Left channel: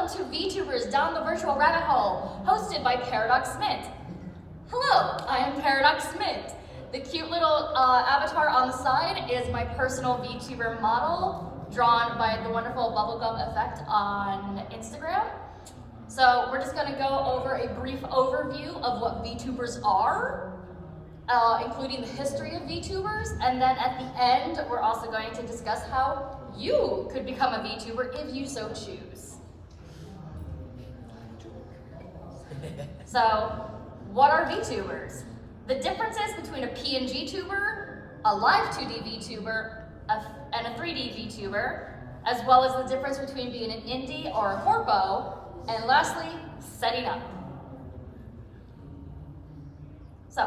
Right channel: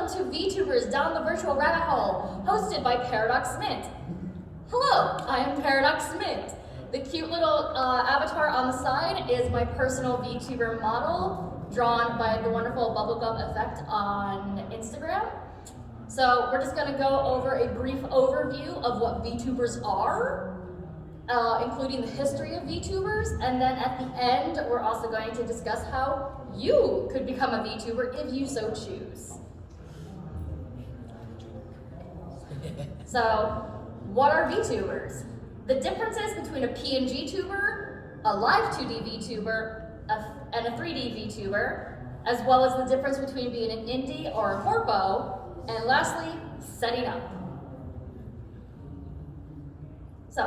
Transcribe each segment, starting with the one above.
welcome to Vtubers Down the Virtual Rabbit Hole, hosted by Paradox Smith. Hello, I am Paradox Smith. The cute little avatar on the side is my personal VTuber model, drawn by the wonderful Bubblegum Effect on Instagram. So we're just gonna go over a brief overview of what VTubers are, including the history of VTubers, and then at the end, we're also going to discuss how you could become a VTuber if you so choose. So, what are VTubers? The differences between a PNG tuber, a live 2D VTuber, and a 3D VTuber, as well as the difference between being an indie or a corpo, and lastly, setting up. So,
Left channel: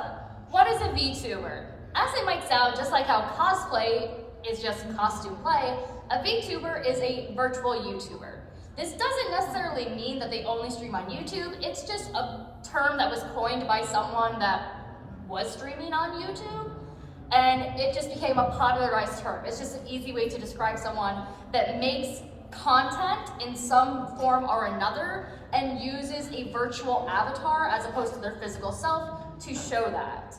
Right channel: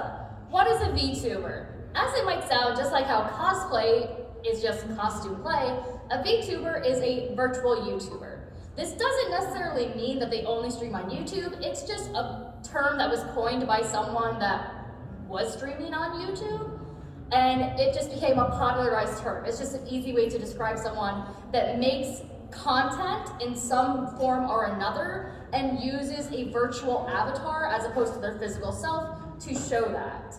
what is a VTuber? As it might sound, just like how cosplay is just costume play, a VTuber is a virtual YouTuber. This doesn't necessarily mean that they only stream on YouTube, it's just a term that was coined by someone that was streaming on YouTube, and it just became a popularized term. It's just an easy way to describe someone that makes content in some form or another and uses a virtual avatar as opposed to their physical self to show that.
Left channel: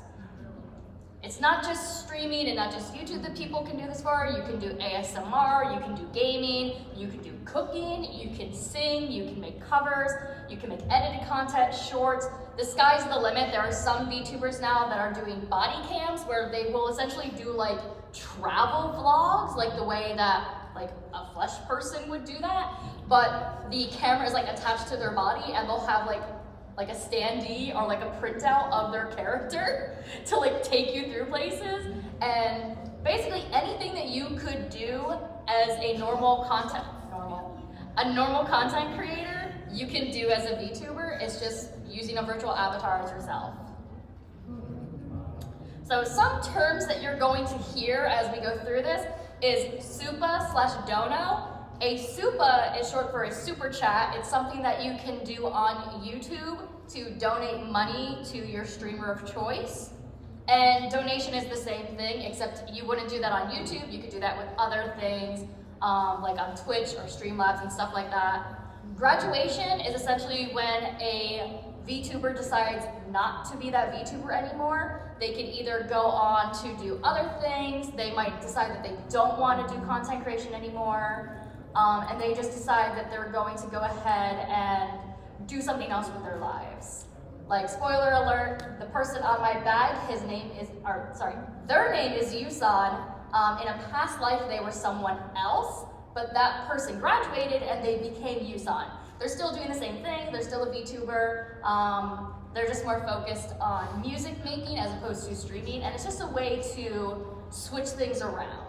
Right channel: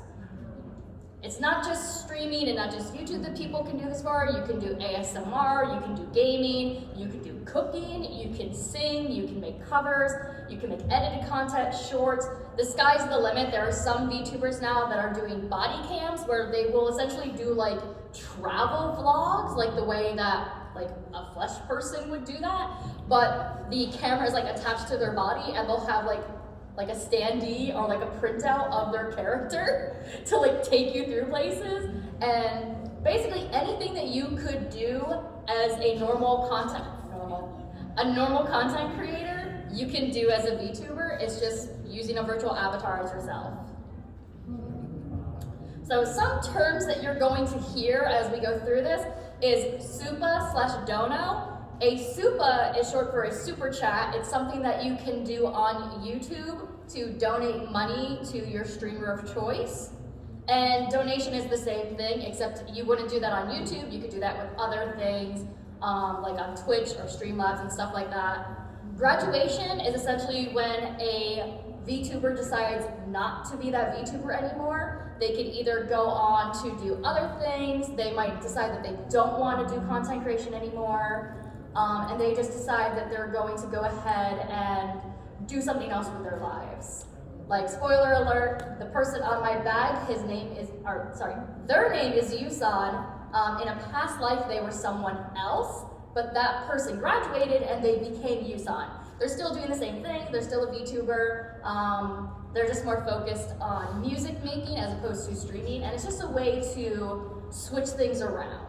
It's not just streaming and not just YouTube that people can do this for. You can do ASMR, you can do gaming, you can do cooking, you can sing, you can make covers, you can make edited content, shorts. The sky's the limit. There are some VTubers now that are doing body cams where they will essentially do like travel vlogs, like the way that like a flesh person would do that, but the camera is like attached to their body and they'll have like a standee or like a printout of their character to like take you through places. And basically anything that you could do as a normal content creator, you can do as a VTuber. It's just using a virtual avatar as yourself. So some terms that you're going to hear as we go through this is SUPA/dono. A SUPA is short for a super chat. It's something that you can do on YouTube to donate money to your streamer of choice. And donation is the same thing, except you wouldn't do that on YouTube. You could do that with other things, like on Twitch or Streamlabs and stuff like that. Graduation is essentially when a VTuber decides not to be that VTuber anymore. They can either go on to do other things. They might decide that they don't want to do content creation anymore. And they just decide that they're going to go ahead and do something else with their lives. Like, spoiler alert, the person on my bag, their name is Yusan. In a past life, they were someone else, but that person graduated and they became Yusan. They're still doing the same thing, they're still a VTuber. They're just more focused on music making as opposed to streaming, and it's just a way to switch things around.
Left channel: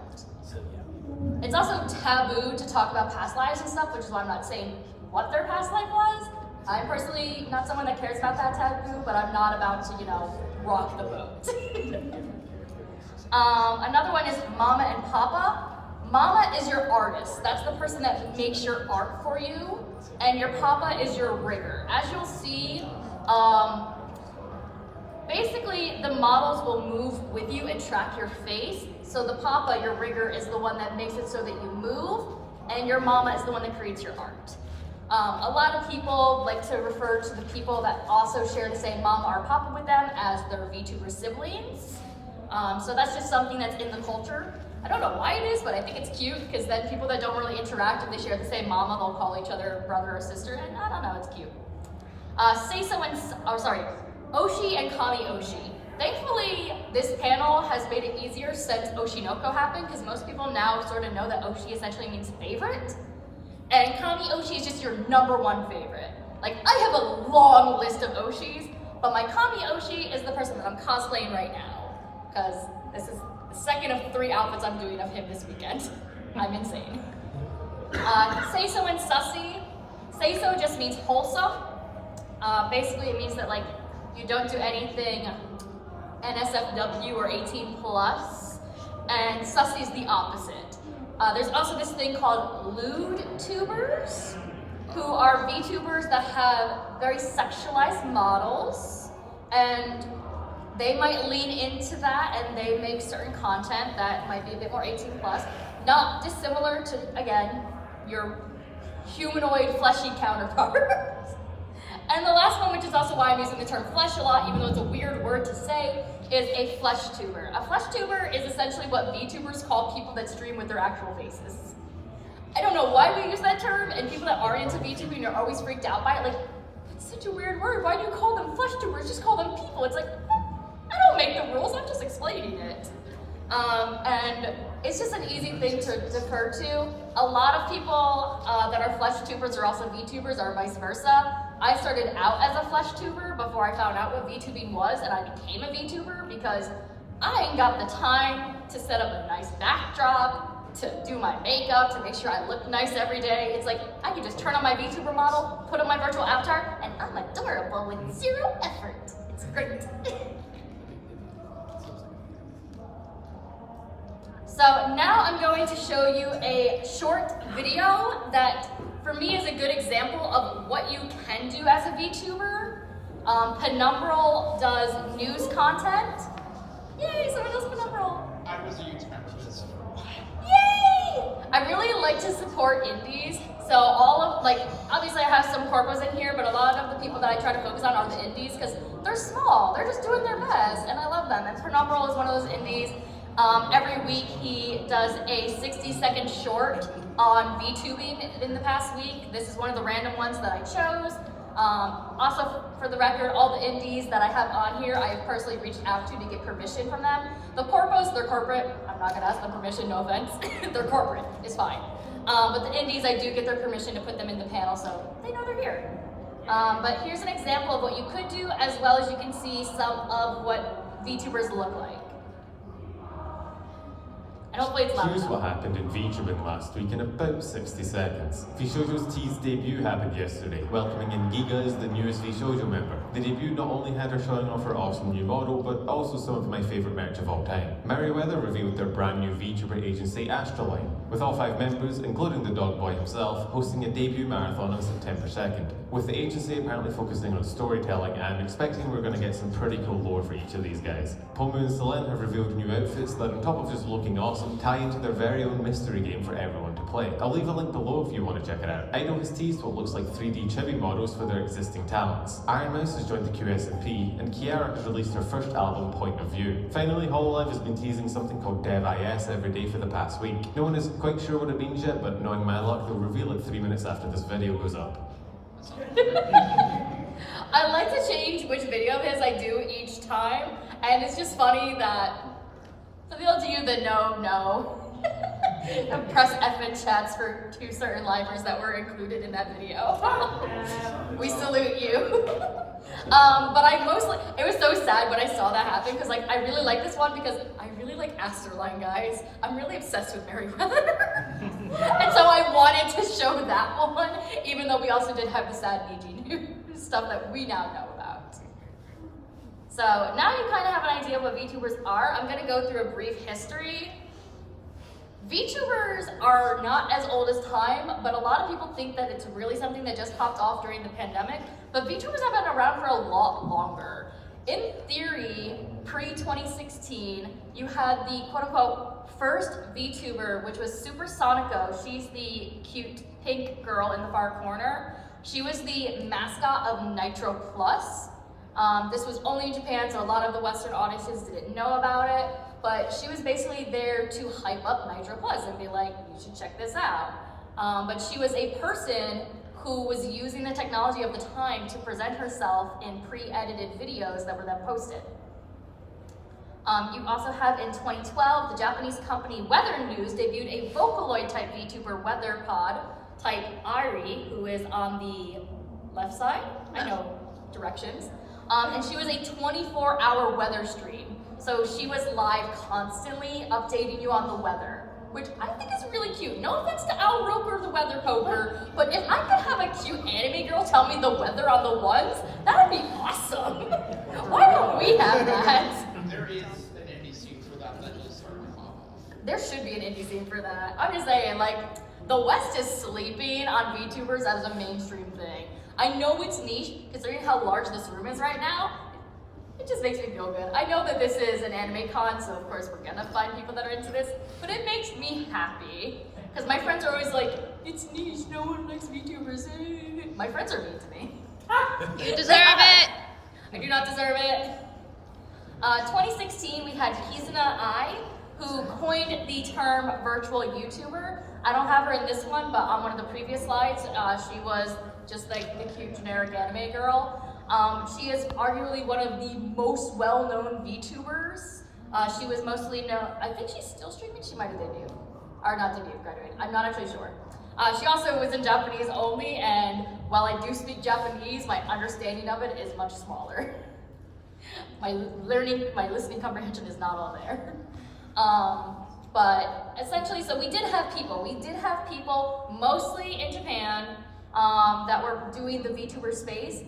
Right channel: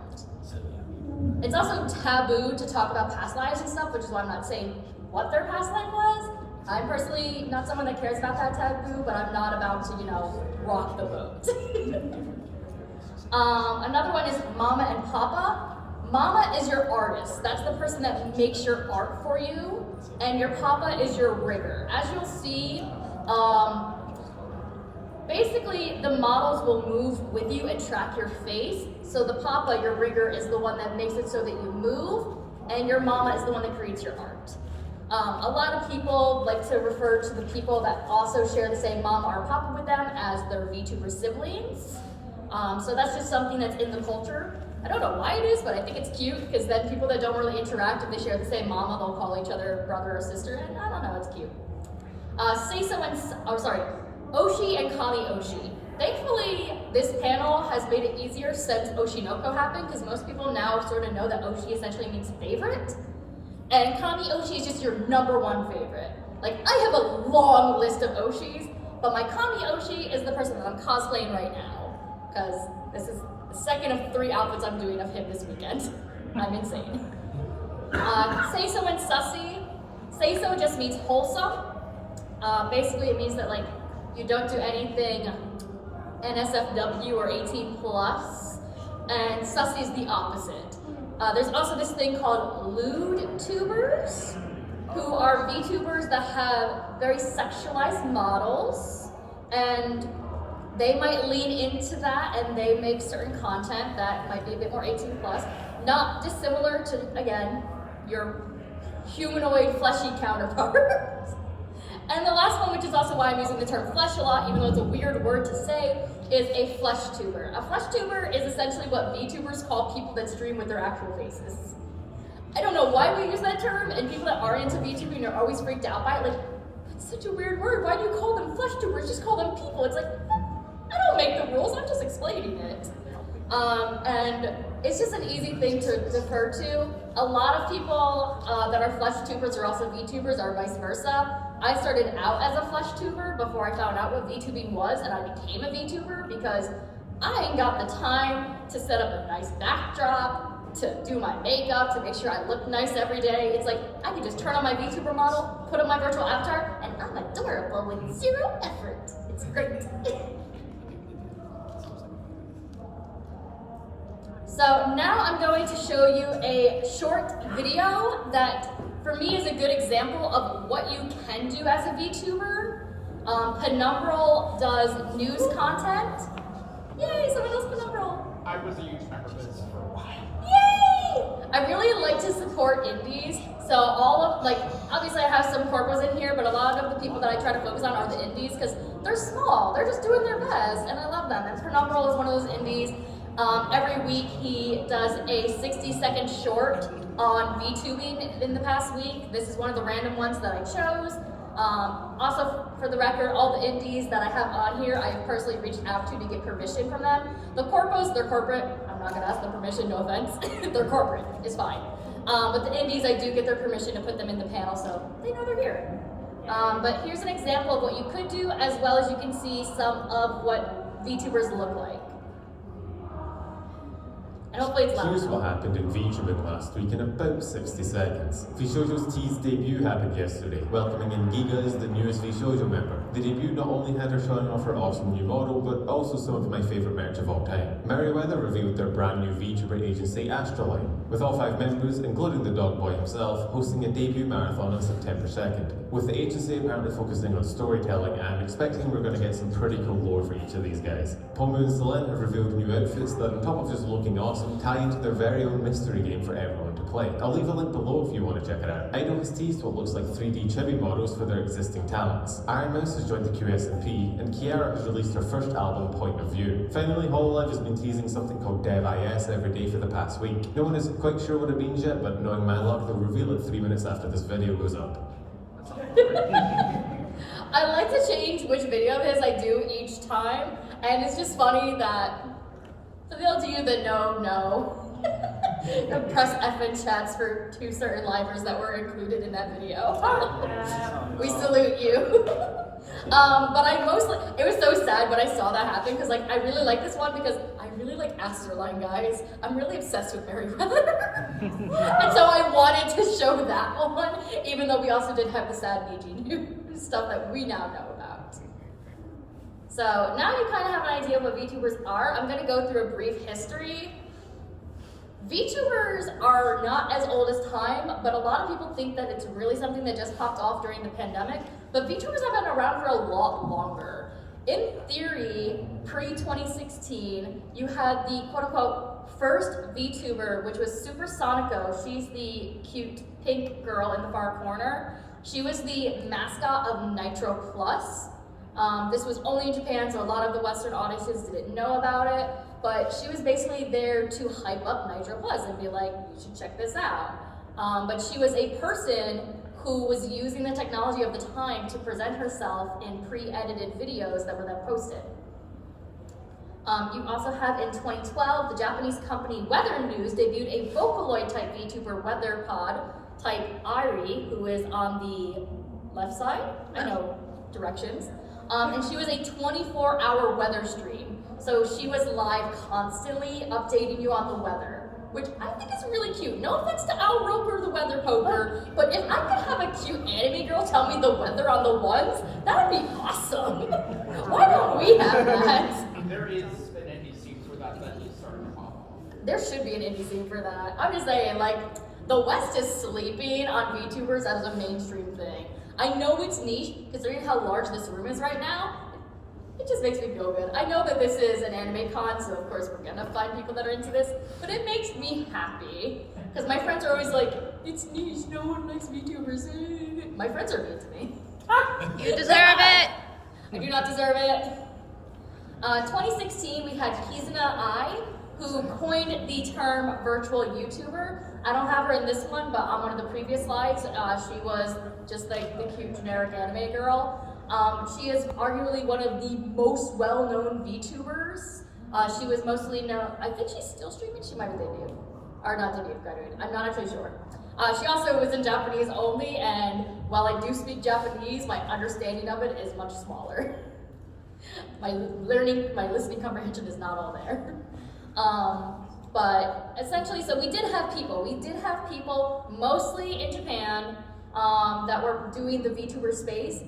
It's also taboo to talk about past lives and stuff, which is why I'm not saying what their past life was. I'm personally not someone that cares about that taboo, but I'm not about to, rock the boat. Another one is Mama and Papa. Mama is your artist. That's the person that makes your art for you, and your Papa is your rigger. As you'll see, basically the models will move with you and track your face. So the Papa, your rigger, is the one that makes it so that you move, and your Mama is the one that creates your art. A lot of people like to refer to the people that also share the same Mama or Papa with them as their VTuber siblings. So that's just something that's in the culture. I don't know why it is, but I think it's cute, because then people that don't really interact, if they share the same Mama, they'll call each other brother or sister, and I don't know, it's cute. Oshi and Kami Oshi. Thankfully, this panel has made it easier since Oshinoko happened, because most people now sort of know that Oshi essentially means favorite. And Kami Oshi is just your #1 favorite. Like, I have a long list of Oshis, but my Kami Oshi is the person that I'm cosplaying right now, because this is the second of 3 outfits I'm doing of him this weekend. I'm insane. Seiso and Sussy. Seiso just means wholesome. Basically, it means that, like, you don't do anything NSFW or 18 plus, and Sussy is the opposite. There's also this thing called Vtubers, who are VTubers that have very sexualized models, and they might lean into that and they make certain content that might be a bit more 18 plus, not dissimilar to, again, your humanoid fleshy counterparts. And the last one, which is also why I'm using the term flesh a lot, even though it's a weird word to say, is a flesh tuber. A flesh tuber is essentially what VTubers call people that stream with their actual faces. I don't know why we use that term, and people that are into VTubing are always freaked out by it. Like, that's such a weird word. Why do you call them flesh tubers? Just call them people. It's like, I don't make the rules. I'm just explaining it. And it's just an easy thing to defer to. A lot of people that are flesh tubers are also VTubers, or vice versa. I started out as a flesh tuber before I found out what VTubing was, and I became a VTuber because I ain't got the time to set up a nice backdrop, to do my makeup, to make sure I look nice every day. It's like, I can just turn on my VTuber model, put on my virtual avatar, and I'm adorable with zero effort. It's great. So now I'm going to show you a short video that for me is a good example of what you can do as a VTuber. Penumbral does news content. Yay, someone else Penumbral. I was a youth member of this for a while. Yay! I really like to support indies. So all of, like, obviously I have some corpos in here, but a lot of the people that I try to focus on are the indies because they're small. They're just doing their best, and I love them. And Penumbral is one of those indies. Every week he does a 60-second short on VTubing in the past week. This is one of the random ones that I chose. Also, for the record, all the indies that I have on here, I have personally reached out to get permission from them. The corpos, they're corporate. I'm not gonna ask them permission, no offense. They're corporate, it's fine. But the indies, I do get their permission to put them in the panel, so they know they're here. But here's an example of what you could do, as well as you can see some of what VTubers look like. And hopefully it's loud. Here's what happened in VTubing last week in about 60 seconds. VShojo's T's debut happened yesterday, welcoming in Giga as the newest VShojo member. The debut not only had her showing off her awesome new model, but also some of my favourite merch of all time. Merryweather revealed their brand new VTuber agency Astroline, with all 5 members, including the dog boy himself, hosting a debut marathon on September 2nd. With the agency apparently focusing on storytelling, I'm expecting we're going to get some pretty cool lore for each of these guys. Pomu and Selene have revealed new outfits that, on top of just looking awesome, tie into their very own mystery game for everyone to play. I'll leave a link below if you want to check it out. Idol has teased what looks like 3D chibi models for their existing talents. Iron Mouse has joined the QSMP, and Kiara has released her first album, Point of View. Finally, Hololive has been teasing something called DevIS every day for the past week. No one is quite sure what it means yet, but knowing my luck, they'll reveal it 3 minutes after this video goes up. I like to change which video of his I do each time, and it's just funny that for those of you that know, and press F in chats for 2 certain livers that were included in that video. We salute you. But it was so sad when I saw that happen because like I really like this one because I really like Astroline, guys. I'm really obsessed with Merryweather. And so I wanted to show that one, even though we also did have the sad VG news stuff that we now know about. So now you kind of have an idea of what VTubers are. I'm gonna go through a brief history. VTubers are not as old as time, but a lot of people think that it's really something that just popped off during the pandemic, but VTubers have been around for a lot longer. In theory, pre-2016, you had the quote-unquote first VTuber, which was Super Sonico. She's the cute pink girl in the far corner. She was the mascot of Nitro Plus. This was only in Japan, so a lot of the Western audiences didn't know about it. But she was basically there to hype up Nitro Plus and be like, you should check this out. But she was a person who was using the technology of the time to present herself in pre-edited videos that were then posted. You also have in 2012, the Japanese company Weather News debuted a Vocaloid type VTuber weather pod type Ari, who is on the left side, I know directions. And she was a 24-hour weather stream. So she was live constantly updating you on the weather, which I think is really cute. No offense to Al Roker, the weather poker, but if I could have a cute anime girl tell me the weather on the ones, that'd be awesome. Why don't we have that? There is an indie scene for that just started off. There should be an indie scene for that. I'm just saying, like, the West is sleeping on VTubers as a mainstream thing. I know it's niche, considering how large this room is right now. It just makes me feel good. I know that this is an anime con, so of course we're gonna find people that are into this, but it makes me happy. Because my friends are always like, it's niche, no one likes VTubers. My friends are mean to me. You deserve it. I do not deserve it. 2016, we had Kizuna Ai, who coined the term virtual YouTuber. I don't have her in this one, but on one of the previous slides, she was just like the cute generic anime girl. She is arguably one of the most well-known VTubers. She was mostly known, I think she's still streaming, she might have debuted. Or not debuted, graduated, I'm not actually sure. She also was in Japanese only, and while I do speak Japanese, my understanding of it is much smaller. My listening comprehension is not all there. But essentially, so we did have people mostly in Japan that were doing the VTuber space,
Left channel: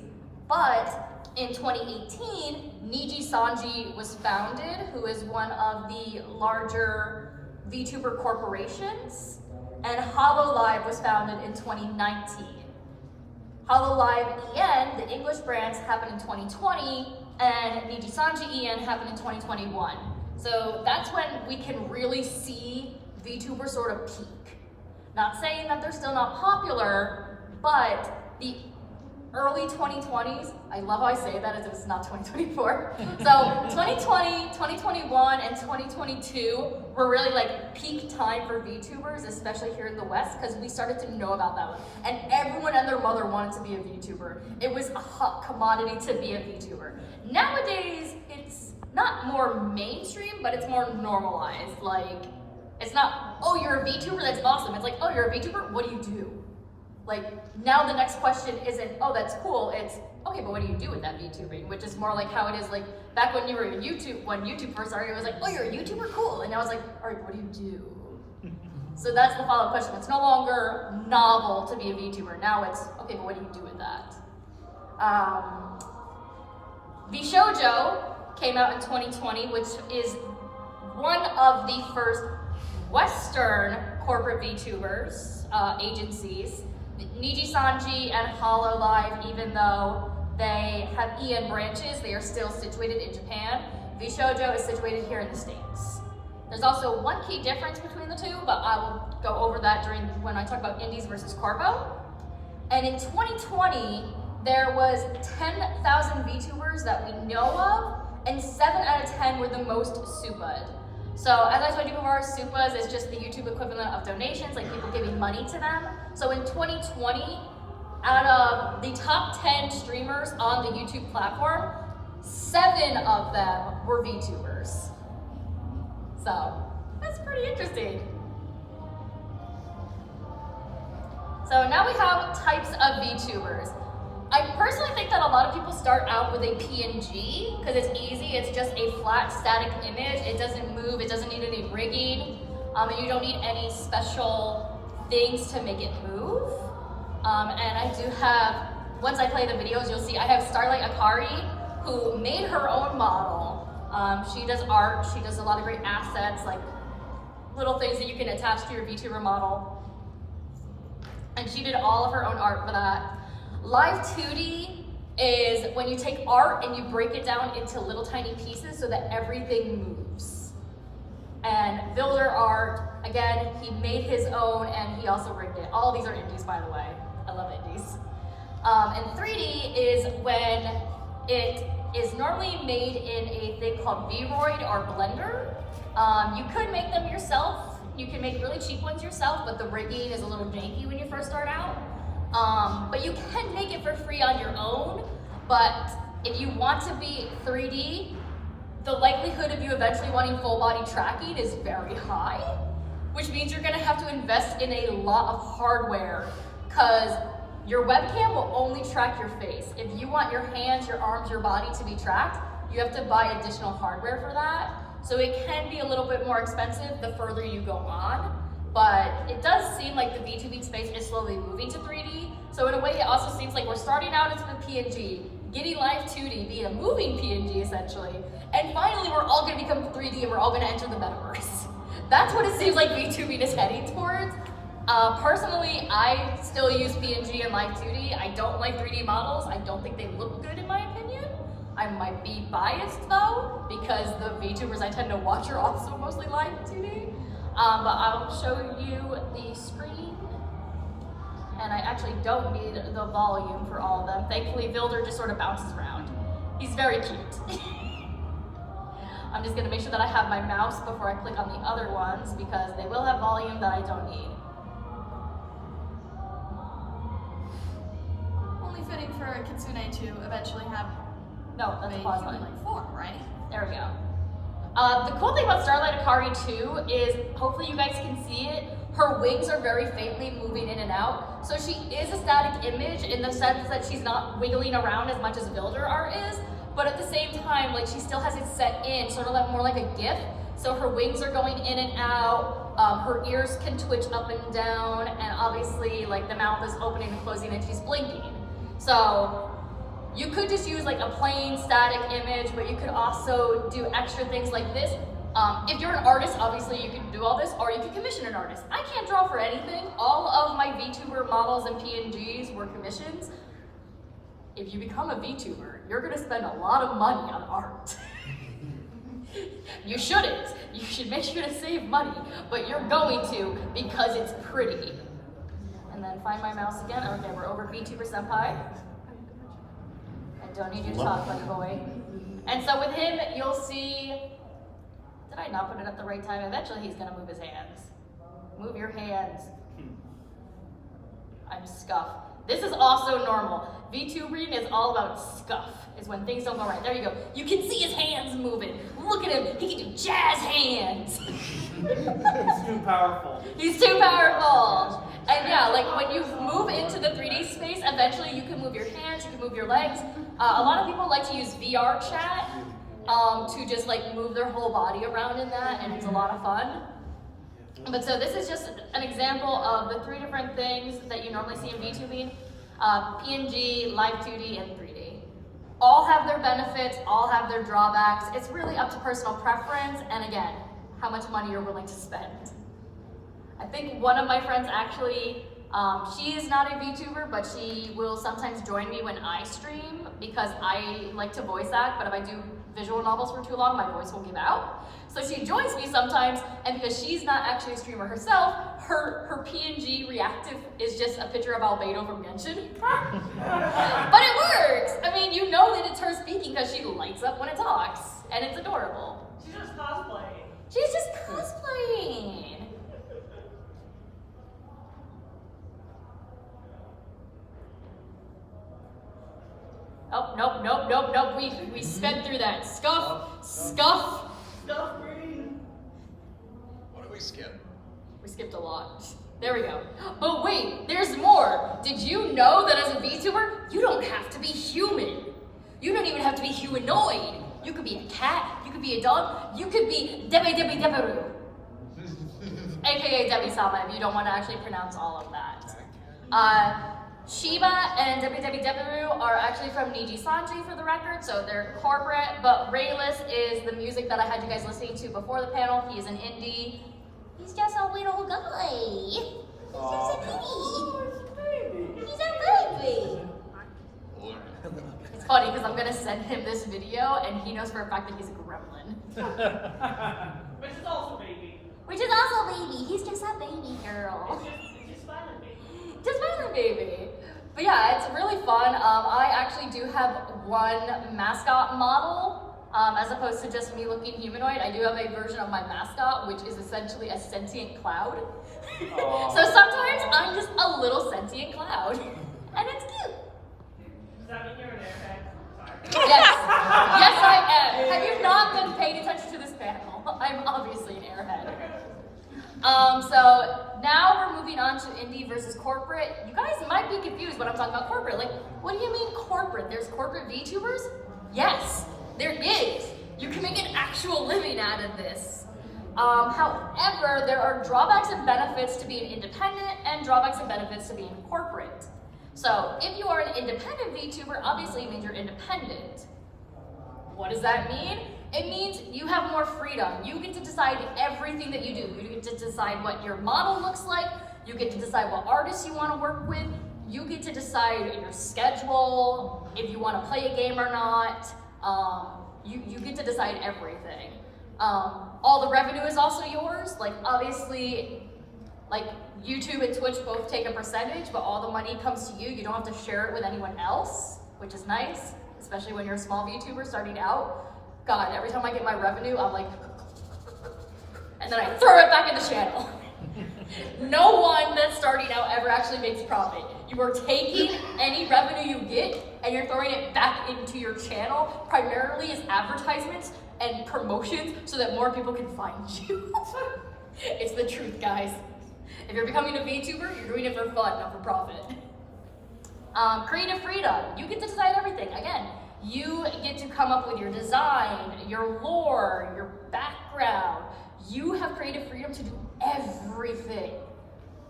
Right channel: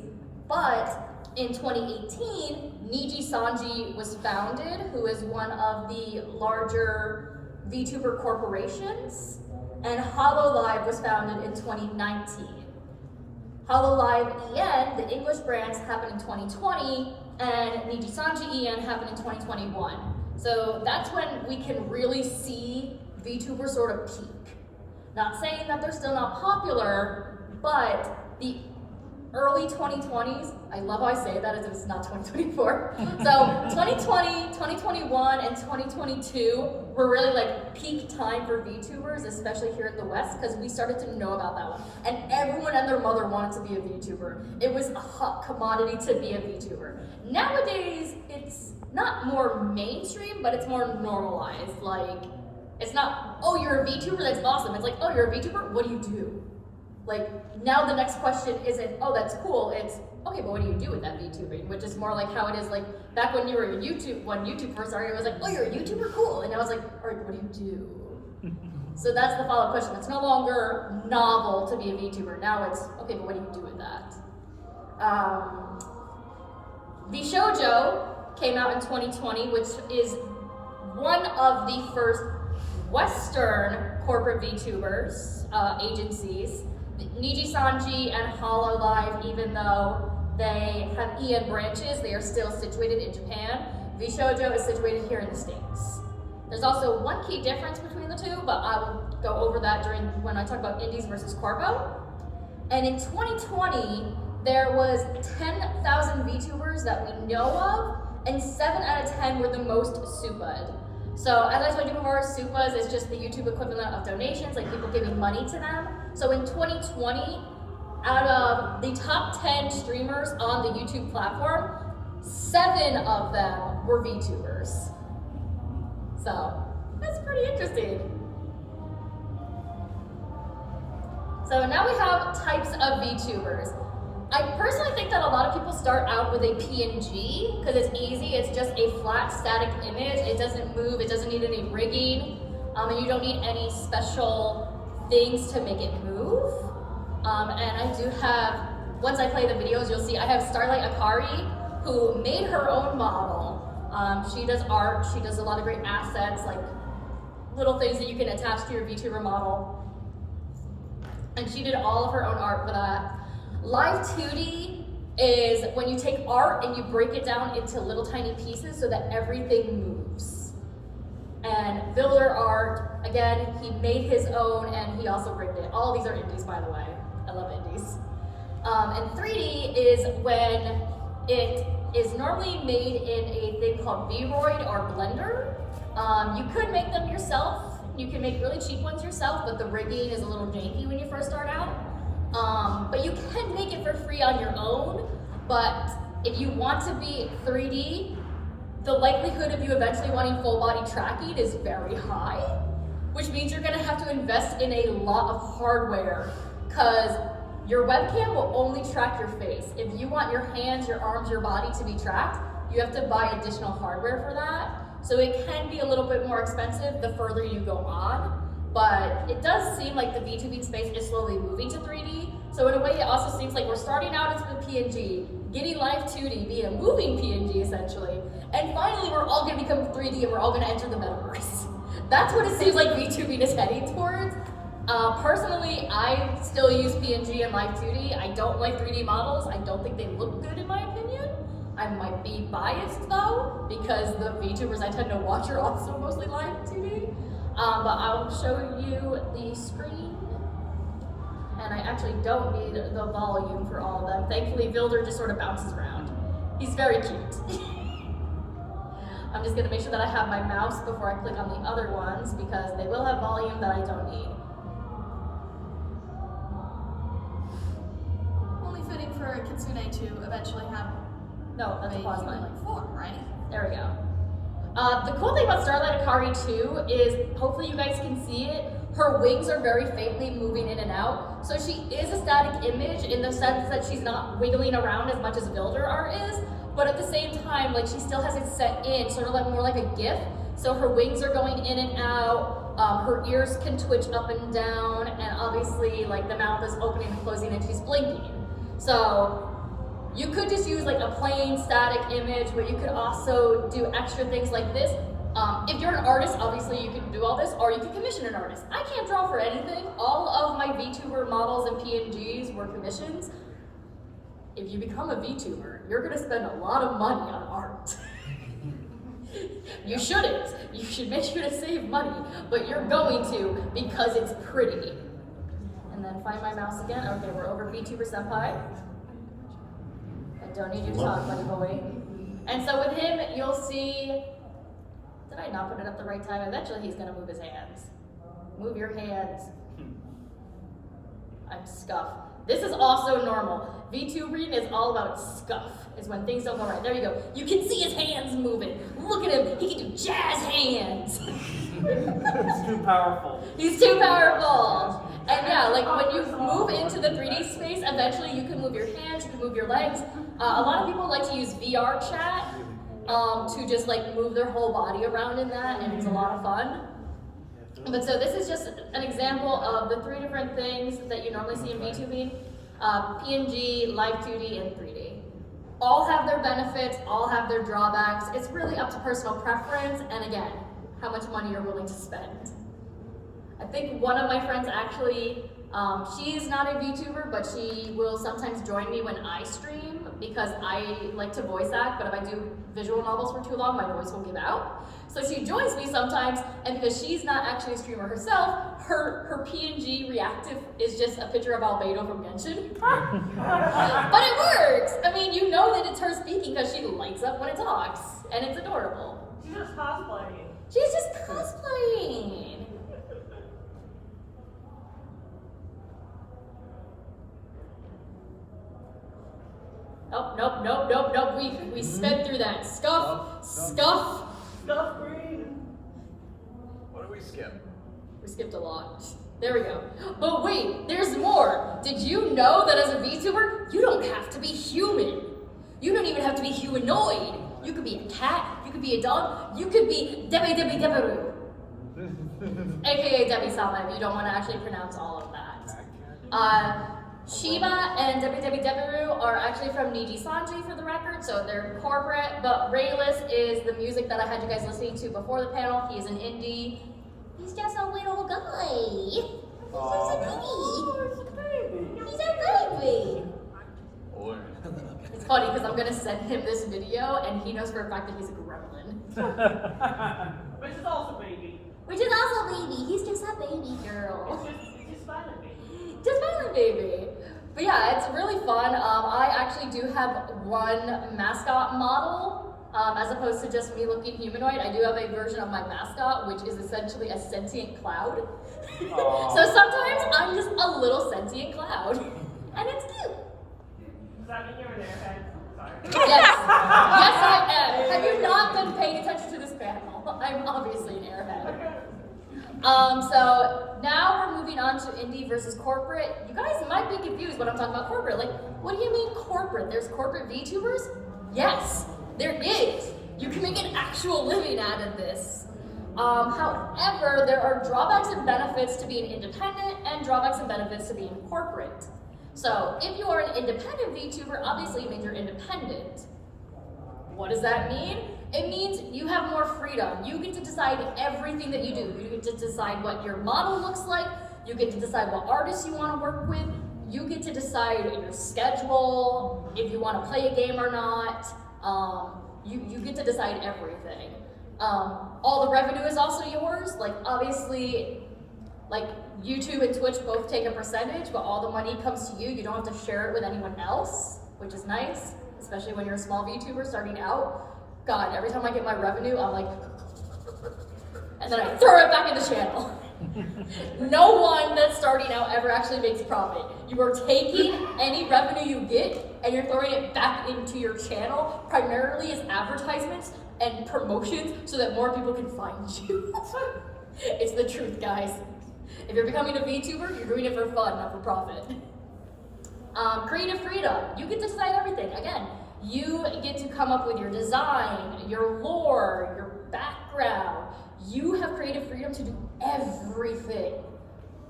but in 2018, Niji Sanji was founded, who is one of the larger VTuber corporations, and HoloLive was founded in 2019. HoloLive EN, the English brands, happened in 2020, and Niji Sanji EN happened in 2021. So that's when we can really see VTubers sort of peak. Not saying that they're still not popular, but the early 2020s, I love how I say that as if it's not 2024. So 2020, 2021, and 2022 were really like peak time for VTubers, especially here in the West, because we started to know about that one. And everyone and their mother wanted to be a VTuber. It was a hot commodity to be a VTuber. Nowadays, it's not more mainstream, but it's more normalized. Like, it's not, oh, you're a VTuber, that's awesome. It's like, oh, you're a VTuber, what do you do? Like, now the next question isn't, oh, that's cool, it's, okay, but what do you do with that VTubing? Which is more like how it is, like, back when you were a YouTube, when YouTube first started, it was like, oh, you're a YouTuber, cool. And now it's like, all right, what do you do? So that's the follow-up question. It's no longer novel to be a VTuber. Now it's, okay, but what do you do with that? VShoujo came out in 2020, which is one of the first Western corporate VTubers, agencies. Niji Sanji and HoloLive, even though they have EN branches, they are still situated in Japan. VShoujo is situated here in the States. There's also one key difference between the two, but I will go over that when I talk about indies versus corpo. And in 2020, there was 10,000 VTubers that we know of, and 7 out of 10 were the most supa'd. So as I told you before, supas is just the YouTube equivalent of donations, like people giving money to them. So in 2020, out of the top 10 streamers on the YouTube platform, 7 of them were VTubers. So that's pretty interesting. So now we have types of VTubers. I personally think that a lot of people start out with a PNG because it's easy. It's just a flat, static image. It doesn't move. It doesn't need any rigging, and you don't need any special things to make it move. And I do have, once I play the videos, you'll see I have Starlight Akari, who made her own model. She does art. She does a lot of great assets, like little things that you can attach to your VTuber model. And she did all of her own art for that. Live 2D is when you take art and you break it down into little tiny pieces so that everything moves. And Builder Art, again, he made his own and he also rigged it. All of these are indies, by the way. I love indies. And 3D is when it is normally made in a thing called Vroid or Blender. You could make them yourself. You can make really cheap ones yourself, but the rigging is a little janky when you first start out. But you can make it for free on your own, but if you want to be 3D, the likelihood of you eventually wanting full body tracking is very high, which means you're gonna have to invest in a lot of hardware, because your webcam will only track your face. If you want your hands, your arms, your body to be tracked, you have to buy additional hardware for that. So it can be a little bit more expensive the further you go on. But it does seem like the VTubing space is slowly moving to 3D. So in a way, it also seems like we're starting out as the PNG, getting Live 2D, being a moving PNG essentially, and finally we're all gonna become 3D and we're all gonna enter the metaverse. That's what it seems like VTubing is heading towards. Personally, I still use PNG and Live 2D. I don't like 3D models. I don't think they look good in my opinion. I might be biased though, because the VTubers I tend to watch are also mostly Live 2D. But I'll show you the screen. and I actually don't need the volume for all of them. Thankfully, Vilder just sort of bounces around. He's very cute. I'm just gonna make sure that I have my mouse before I click on the other ones because they will have volume that I don't need. Only fitting for a Kitsune to eventually have No, that's a pause line. human-like form, right? There we go. The cool thing about Starlight Akari 2 is, hopefully you guys can see it, her wings are very faintly moving in and out. So she is a static image in the sense that she's not wiggling around as much as Vilder art is, but at the same time, like she still has it set in, sort of like more like a GIF. So her wings are going in and out, her ears can twitch up and down, and obviously like the mouth is opening and closing and she's blinking. So you could just use like a plain static image, but you could also do extra things like this. If you're an artist, obviously you could do all this, or you could commission an artist. I can't draw for anything. All of my VTuber models and PNGs were commissions. If you become a VTuber, you're gonna spend a lot of money on art. You shouldn't. You should make sure to save money, but you're going to because it's pretty. And then find my mouse again. Okay, we're over VTuber Senpai. I don't need you to talk, buddy boy. And so with him, you'll see, did I not put it at the right time? Eventually he's gonna move his hands. Move your hands. I'm scuff. This is also normal. VTubering is all about scuff, is when things don't go right. There you go. You can see his hands moving. Look at him, he can do jazz hands. It's too powerful. He's too powerful. And yeah, like when you move into the 3D space, eventually you can move your hands, you can move your legs. A lot of people like to use VR chat to just like move their whole body around in that, and it's a lot of fun. But so this is just an example of the 3 different things that you normally see in VTubing. PNG, Live 2D, and 3D. All have their benefits, all have their drawbacks. It's really up to personal preference, and again, how much money you're willing to spend. I think one of my friends actually, she is not a VTuber, but she will sometimes join me when I stream because I like to voice act, but if I do visual novels for too long, my voice will give out. So she joins me sometimes, and because she's not actually a streamer herself, her PNG reactive is just a picture of Albedo from Genshin. But it works! I mean, you know that it's her speaking because she lights up when it talks, and it's adorable. She's just cosplaying. She's just cosplaying. Oh, nope. We sped through that. Scuff. Stuff green. What do we skip? We skipped a lot. There we go. But wait, there's more. Did you know that as a VTuber, you don't have to be human? You don't even have to be humanoid. You could be a cat, you could be a dog, you could be Deberu. AKA Debbie-sama if you don't want to actually pronounce all of that. Shiba and Deberu are actually from Niji Sanji for the record, so they're corporate, but Rayless is the music that I had you guys listening to before the panel. He's an indie. He's just a little guy. He's just a baby. He's a baby. It's funny because I'm going to send him this video and he knows for a fact that he's a gremlin. Which is also baby. Which is also a baby. He's just a baby girl. It's silent baby. Just Violent Baby. But yeah, it's really fun. I actually do have one mascot model, as opposed to just me looking humanoid. I do have a version of my mascot, which is essentially a sentient cloud. So sometimes I'm just a little sentient cloud, and it's cute. Does that mean you're an airhead? Sorry. Yes, I am. Have you not been paying attention to this panel? I'm obviously an airhead. So now we're moving on to indie versus corporate. You guys might be confused when I'm talking about corporate. Like, what do you mean corporate? There's corporate VTubers? Yes, there is. You can make an actual living out of this. However, there are drawbacks and benefits to being independent and drawbacks and benefits to being corporate. So if you are an independent VTuber, obviously it means you're independent. What does that mean? It means you have more freedom. You get to decide everything that you do. You get to decide what your model looks like. You get to decide what artists you want to work with. You get to decide your schedule, if you want to play a game or not. You get to decide everything. All the revenue is also yours. Like obviously, Like YouTube and Twitch both take a percentage, but all the money comes to you. You don't have to share it with anyone else, which is nice, especially when you're a small VTuber starting out. God, every time I get my revenue, I'm like, and then I throw it back in the channel. No one that's starting out ever actually makes profit. You are taking any revenue you get and you're throwing it back into your channel, primarily as advertisements and promotions so that more people can find you. It's the truth, guys. If you're becoming a VTuber, you're doing it for fun, not for profit. Creative freedom. You get to decide everything. Again, you get to come up with your design, your lore, your background. You have creative freedom to do everything.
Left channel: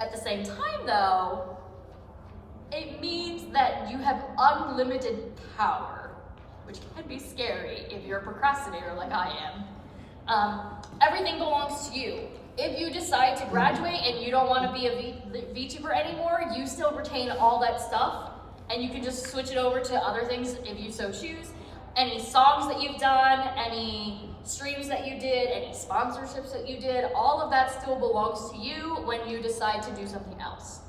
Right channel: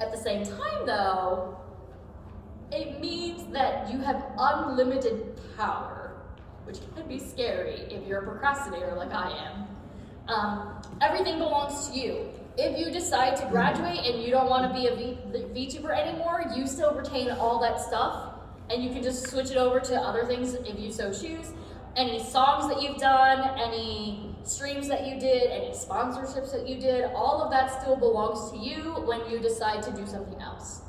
At the same time, though, it means that you have unlimited power, which can be scary if you're a procrastinator like I am. Everything belongs to you. If you decide to graduate and you don't want to be a VTuber anymore, you still retain all that stuff, and you can just switch it over to other things if you so choose. Any songs that you've done, any streams that you did, any sponsorships that you did, all of that still belongs to you when you decide to do something else.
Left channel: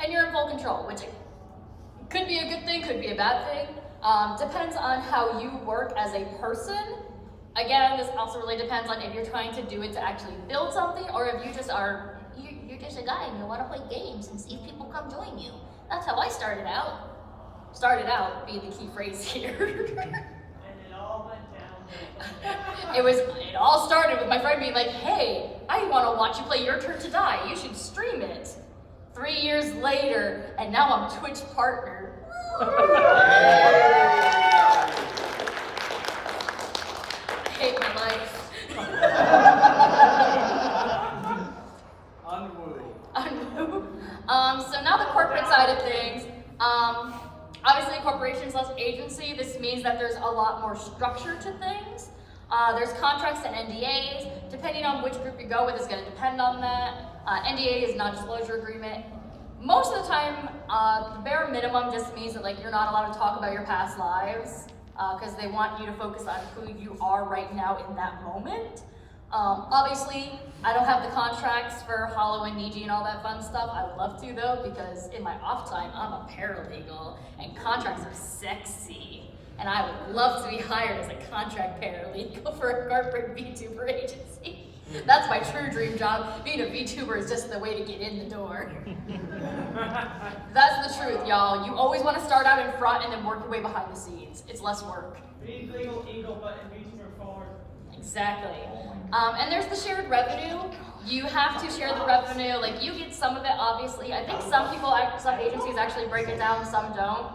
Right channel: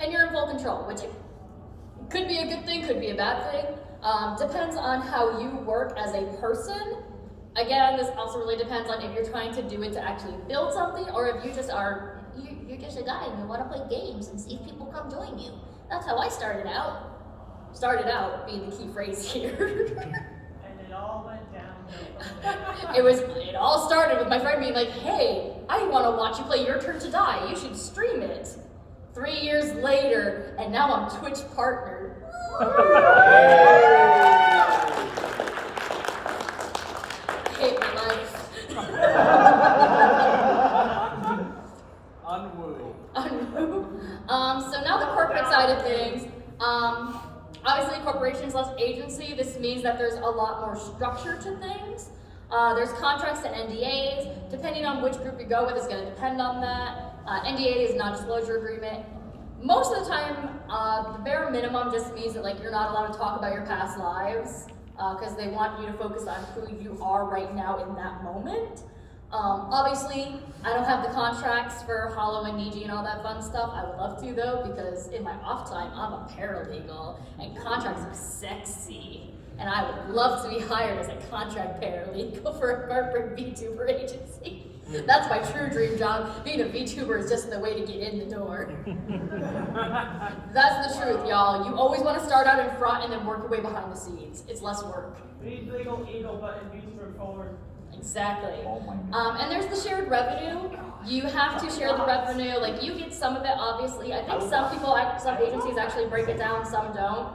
And you're in full control, which could be a good thing, could be a bad thing. Depends on how you work as a person. Again, this also really depends on if you're trying to do it to actually build something, or if you just are, you're just a guy and you want to play games and see if people come join you. That's how I started out. Started out being the key phrase here. And it all went downhill. It all started with my friend being like, hey, I want to watch you play Your Turn to Die. You should stream it. 3 years later, and now I'm Twitch partner. I hate my life. Unwoo. So now the corporate side of things. Obviously, corporations less agency. This means that there's a lot more structure to things. There's contracts and NDAs. Depending on which group you go with is going to depend on that. NDA is non-disclosure agreement. Most of the time, the bare minimum just means that you're not allowed to talk about your past lives because they want you to focus on who you are right now in that moment. Obviously, I don't have the contracts for Hollow and Niji and all that fun stuff. I would love to though, because in my off time, I'm a paralegal and contracts are sexy. And I would love to be hired as a contract paralegal for a corporate VTuber agency. That's my true dream job. Being a VTuber is just the way to get in the door. That's the truth, y'all. You always want to start out in front and then work your way behind the scenes. It's less work. Legal eagle button, VTuber forward. Exactly. And there's the shared revenue. You have to share the revenue. You get some of it, obviously. I think some agencies actually break it down, some don't.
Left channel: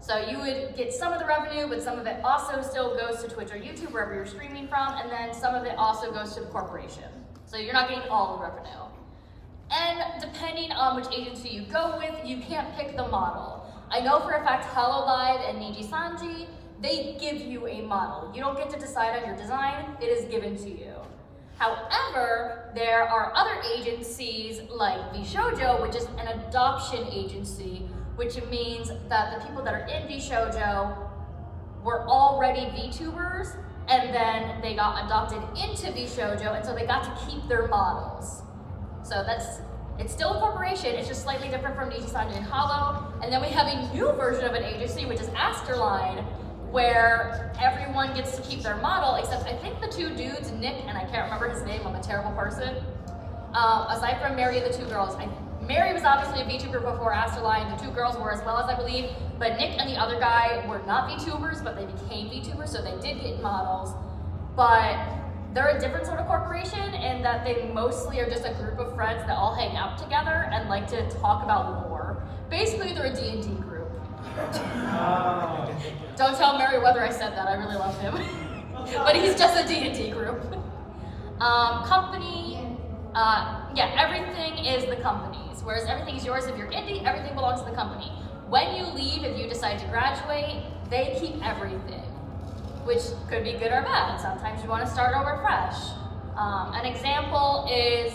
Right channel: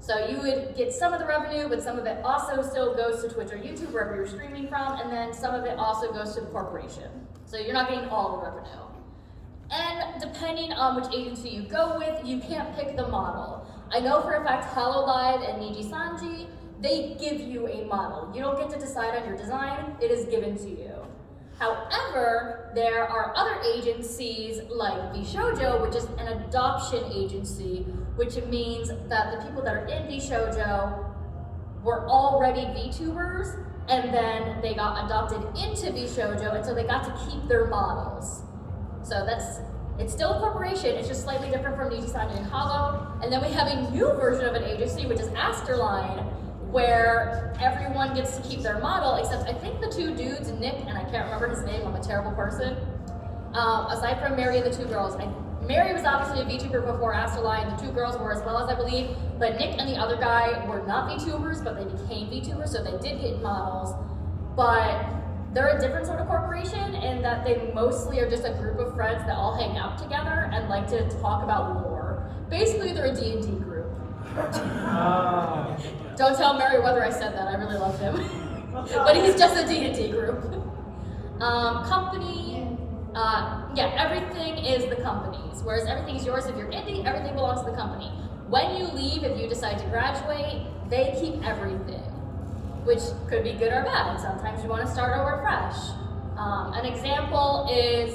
So you would get some of the revenue, but some of it also still goes to Twitch or YouTube, wherever you're streaming from, and then some of it also goes to the corporation. So you're not getting all the revenue. And depending on which agency you go with, you can't pick the model. I know for a fact HoloLive and Niji Sanji, they give you a model. You don't get to decide on your design, it is given to you. However, there are other agencies like VShojo, which is an adoption agency, which means that the people that are in VShojo were already VTubers, and then they got adopted into VShojo, and so they got to keep their models. So it's still a corporation, it's just slightly different from Niji Sanji and Hollow. And then we have a new version of an agency, which is Asterline, where everyone gets to keep their model, except I think the two dudes, Nick, and I can't remember his name, I'm a terrible person. Aside from Mary and the two girls, Mary was obviously a VTuber before Asterline, the two girls were as well, as I believe, but Nick and the other guy were not VTubers, but they became VTubers, so they did get models. But they're a different sort of corporation in that they mostly are just a group of friends that all hang out together and like to talk about lore. Basically, they're a D&D group. Don't tell Meriwether I said that, I really love him. But he's just a D&D group. Company, everything is the company's, whereas everything is yours if you're indie, everything belongs to the company. When you leave, if you decide to graduate, they keep everything, which could be good or bad. Sometimes you want to start over fresh. An example is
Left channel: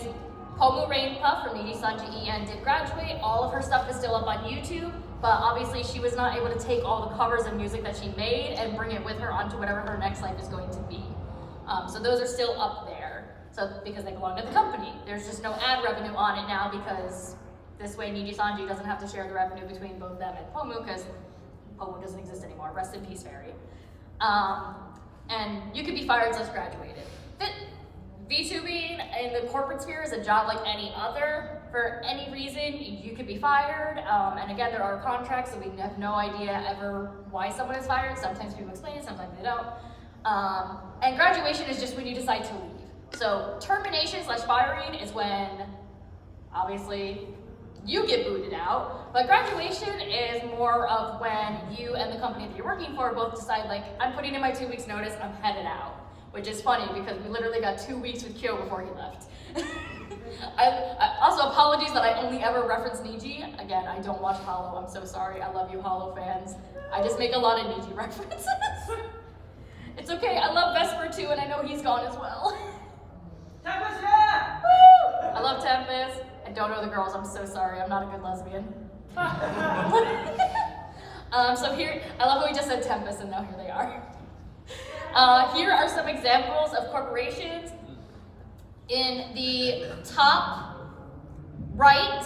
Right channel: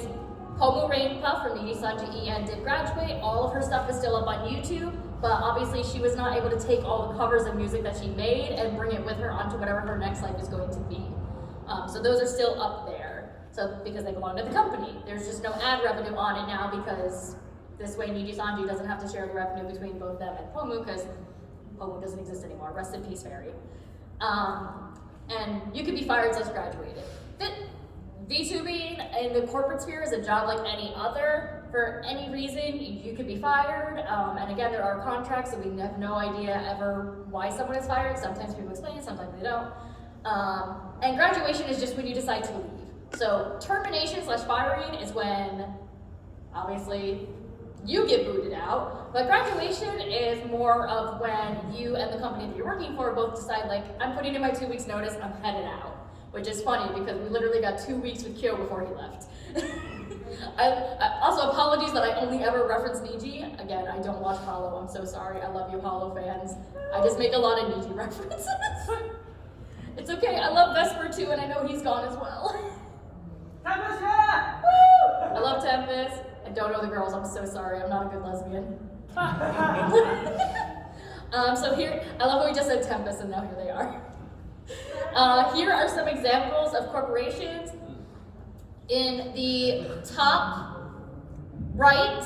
Pomu Rainpuff from Niji Sanji En did graduate. All of her stuff is still up on YouTube, but obviously she was not able to take all the covers of music that she made and bring it with her onto whatever her next life is going to be. So those are still up there. So because they belong to the company. There's just no ad revenue on it now because this way Niji Sanji doesn't have to share the revenue between both them and Pomu because Pomu doesn't exist anymore. Rest in peace, Fairy. And you could be fired since graduated. VTubing in the corporate sphere is a job like any other. For any reason, you could be fired. And again, there are contracts, so we have no idea ever why someone is fired. Sometimes people explain it, sometimes they don't. And graduation is just when you decide to leave. So termination/firing is when, obviously, you get booted out. But graduation is more of when you and the company that you're working for both decide, like, I'm putting in my 2 weeks notice, I'm headed out. Which is funny because we literally got 2 weeks with Kyo before he left. I also apologies that I only ever reference Niji. Again, I don't watch Hollow, I'm so sorry. I love you Hollow fans. I just make a lot of Niji references. It's okay, I love Vesper too and I know he's gone as well. Tempest, yeah! Woo! I love Tempest. I don't know the girls, I'm so sorry. I'm not a good lesbian. So here, I love how we just said Tempest and now here they are. Here are some examples of corporations. In the top right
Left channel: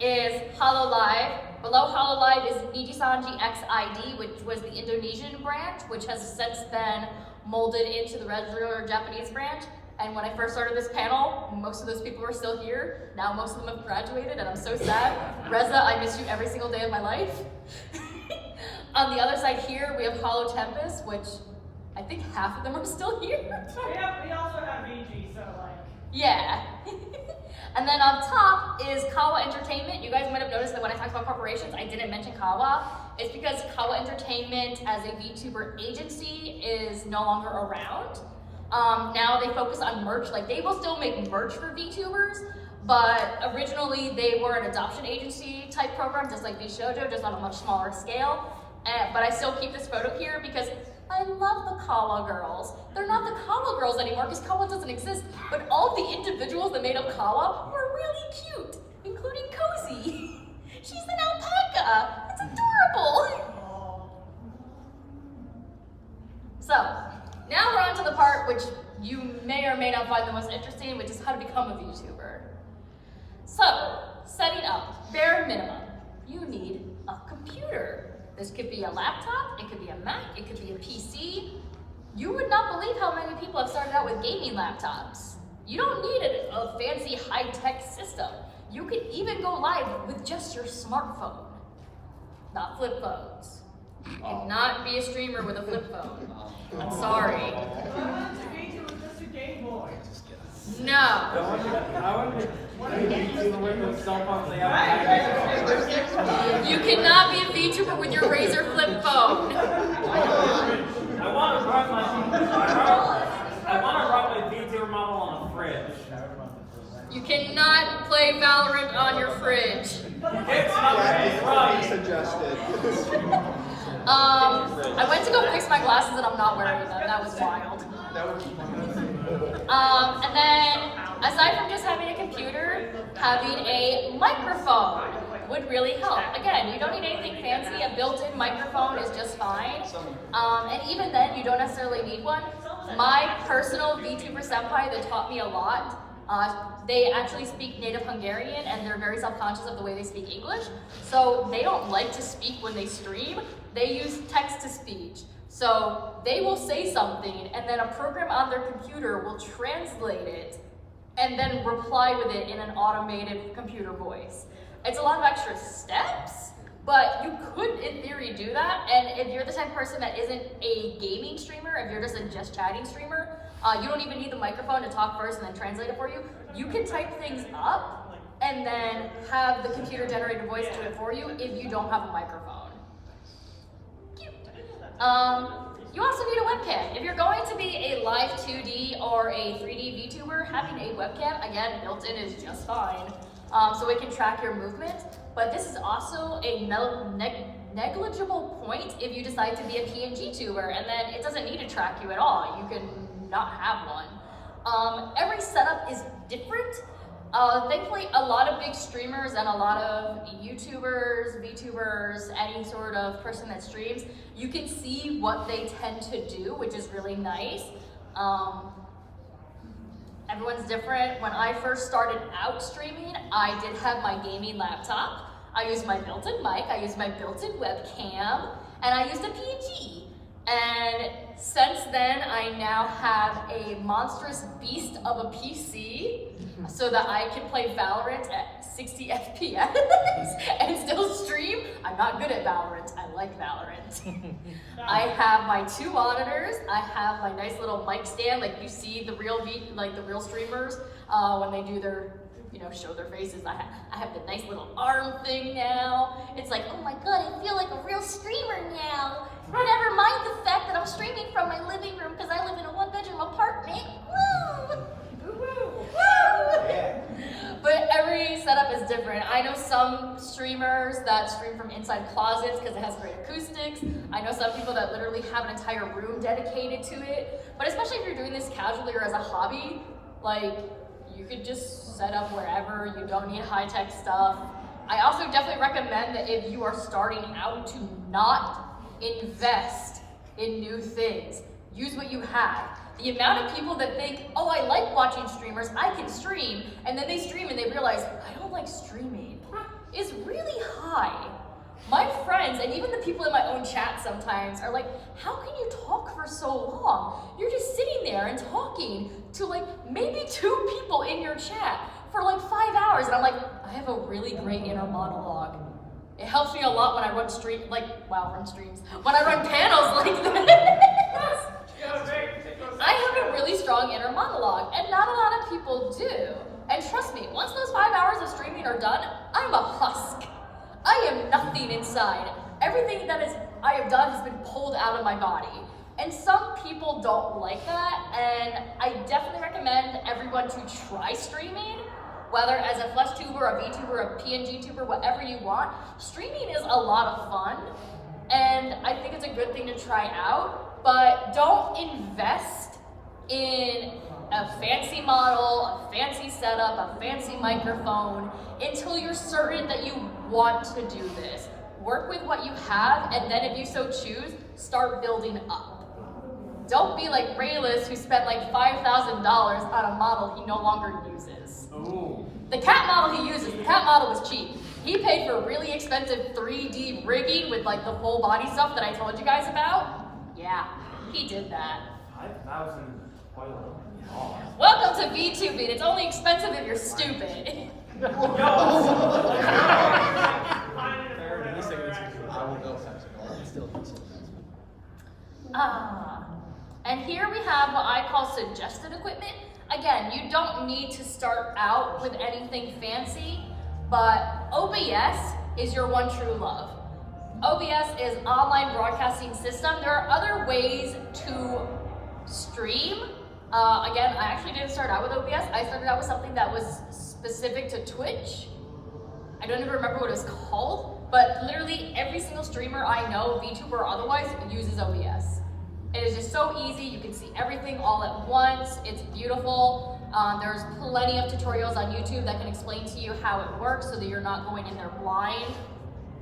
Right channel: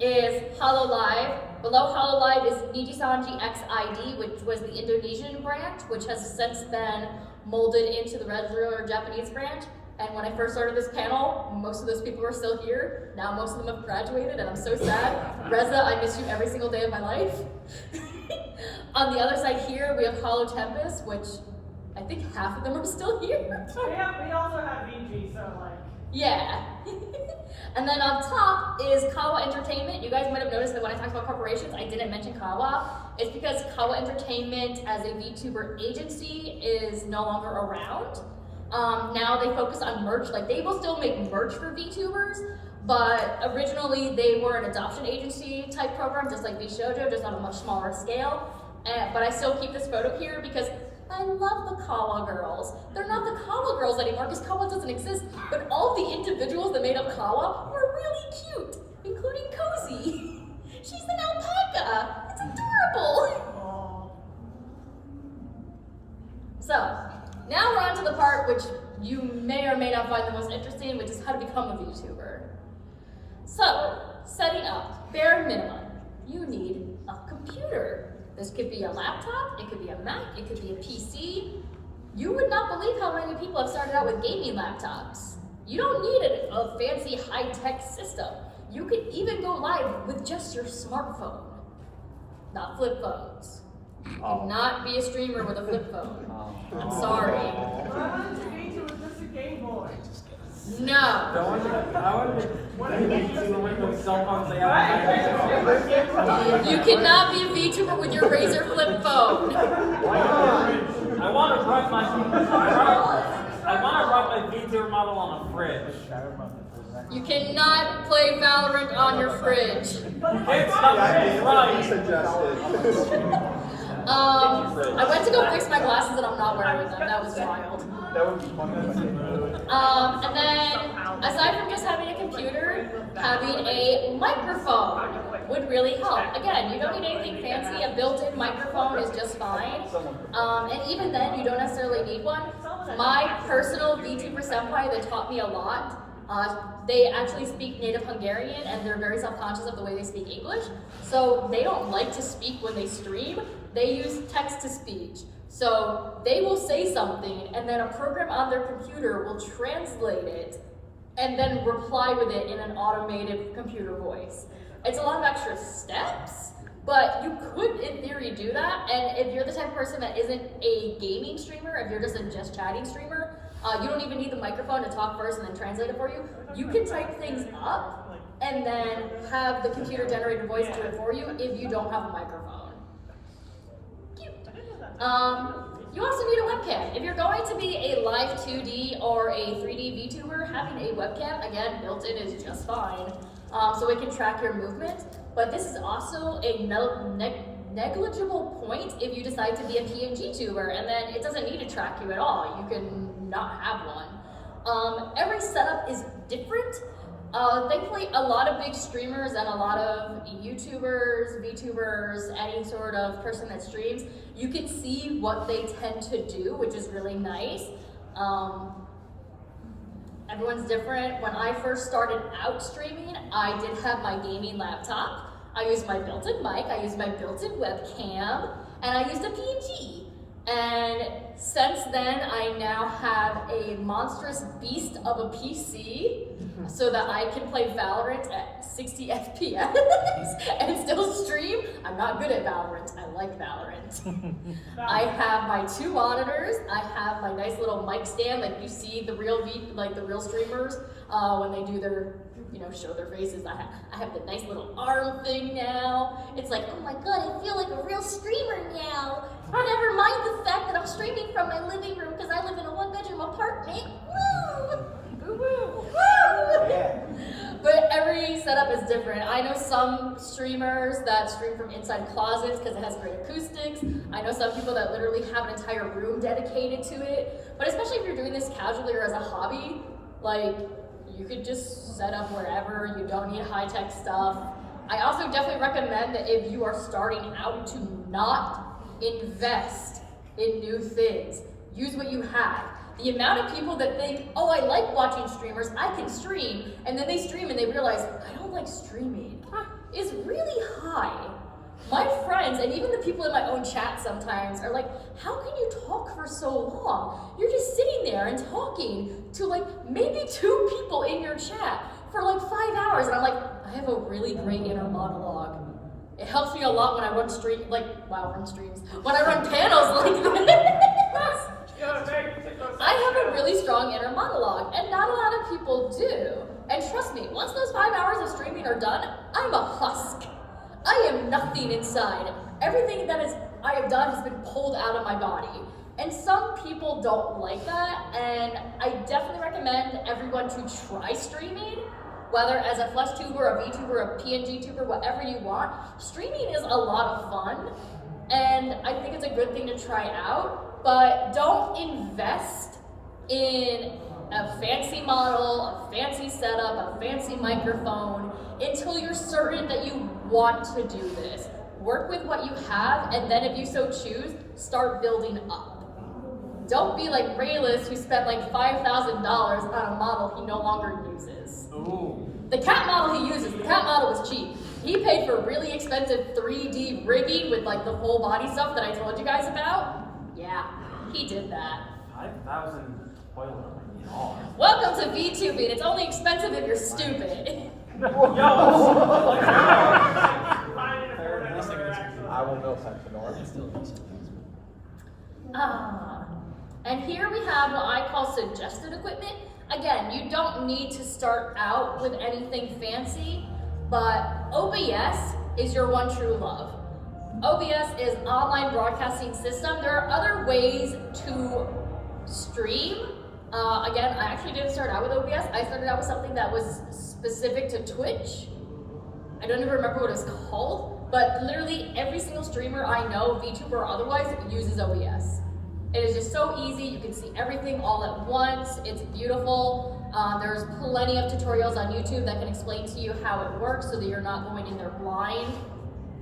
is HoloLive. Below HoloLive is Niji Sanji XID, which was the Indonesian branch, which has since been molded into the regular Japanese branch. And when I first started this panel, most of those people were still here. Now most of them have graduated, and I'm so sad. Reza, I miss you every single day of my life. On the other side here, we have Holo Tempest, which I think half of them are still here. We also have VG, so like. Yeah. And then on top is Kawa Entertainment. You guys might have noticed that when I talked about corporations, I didn't mention Kawa. It's because Kawa Entertainment as a VTuber agency is no longer around. Now they focus on merch. Like they will still make merch for VTubers, but originally they were an adoption agency type program, just like VShojo, just on a much smaller scale. But I still keep this photo here because I love the Kawa girls. They're not the Kawa girls anymore because Kawa doesn't exist, but all the individuals that made up Kawa were really cute, including Cozy. She's an alpaca. It's adorable. So, now we're on to the part which you may or may not find the most interesting, which is how to become a VTuber. So, setting up, bare minimum, you need a computer. This could be a laptop, it could be a Mac, it could be a PC. You would not believe how many people have started out with gaming laptops. You don't need a fancy high-tech system. You could even go live with just your smartphone, not flip phones. You cannot be a streamer with a flip phone. I'm sorry. I wanted to be with just a Game Boy. No. You cannot be a VTuber with your Razer flip phone. I want to write my VTuber model on a fridge. You cannot play Valorant on your fridge. It's not I went to go fix my glasses and I'm not wearing them. That was wild. And then, aside from just having a computer, having a microphone would really help. Again, you don't need anything fancy. A built-in microphone is just fine. And even then, you don't necessarily need one. My personal VTuber senpai that taught me a lot, they actually speak native Hungarian and they're very self-conscious of the way they speak English. So they don't like to speak when they stream. They use text-to-speech. So they will say something and then a program on their computer will translate it and then reply with it in an automated computer voice. It's a lot of extra steps, but you could in theory do that. And if you're the type of person that isn't a gaming streamer, if you're just a just chatting streamer, you don't even need the microphone to talk first and then translate it for you. You can type things up and then have the computer generated voice do it for you if you don't have a microphone. You also need a webcam. If you're going to be a live 2D or a 3D VTuber, having a webcam, again, built-in is just fine. So it can track your movement. But this is also a negligible point if you decide to be a PNG tuber, and then it doesn't need to track you at all. You can not have one. Every setup is different. Thankfully, a lot of big streamers and a lot of YouTubers, VTubers, any sort of person that streams, you can see what they tend to do, which is really nice. Everyone's different. When I first started out streaming, I did have my gaming laptop. I used my built-in mic, I used my built-in webcam, and I used a PNG. And since then, I now have a monstrous beast of a PC so that I can play Valorant at 60 FPS and still stream. I'm not good at Valorant, I like Valorant. I have my 2 monitors, I have my nice little mic stand, like you see the real streamers when they do their, show their faces. I have the nice little arm thing now. It's like, oh my god, I feel like a real streamer now. Never mind the fact that I'm streaming from my living room because I live in a 1-bedroom apartment. Woo! Woo! But every setup is different. I know some streamers that stream from inside closets because it has great acoustics. I know some people that literally have an entire room dedicated to it. But especially if you're doing this casually or as a hobby, like, you could just set up wherever. You don't need high-tech stuff. I also definitely recommend that if you are starting out to not invest in new things. Use what you have. The amount of people that think, oh, I like watching streamers, I can stream, and then they stream and they realize, I don't like streaming, is really high. My friends, and even the people in my own chat sometimes, are like, how can you talk for so long? You're just sitting there and talking to like maybe 2 people in your chat for like 5 hours. And I'm like, I have a really great inner monologue. It helps me a lot when I run streams. When I run panels like this. I have a really strong inner monologue, and not a lot of people do. And trust me, once those 5 hours of streaming are done, I'm a husk. I am nothing inside. Everything that I have done has been pulled out of my body. And some people don't like that, and I definitely recommend everyone to try streaming, whether as a flesh tuber, a VTuber, a PNG tuber, whatever you want. Streaming is a lot of fun, and I think it's a good thing to try out, but don't invest in a fancy model, a fancy setup, a fancy microphone until you're certain that you want to do this. Work with what you have, and then if you so choose, start building up. Don't be like Rayless, who spent like $5,000 on a model he no longer uses. Ooh. The cat model he uses, the cat model was cheap. He paid for really expensive 3D rigging with like the full body stuff that I told you guys about. Yeah, he did that. 5,000 toilet. Welcome to VTubing. It's only expensive if you're stupid. I will go And here we have what I call suggested equipment. Again, you don't need to start out with anything fancy, but OBS is your one true love. OBS is online broadcasting system. There are other ways to stream. Again, I actually didn't start out with OBS. I started out with something that was specific to Twitch. I don't even remember what it was called, but literally every single streamer I know, VTuber or otherwise, uses OBS. It is just so easy. You can see everything all at once. It's beautiful. There's plenty of tutorials on YouTube that can explain to you how it works so that you're not going in there blind.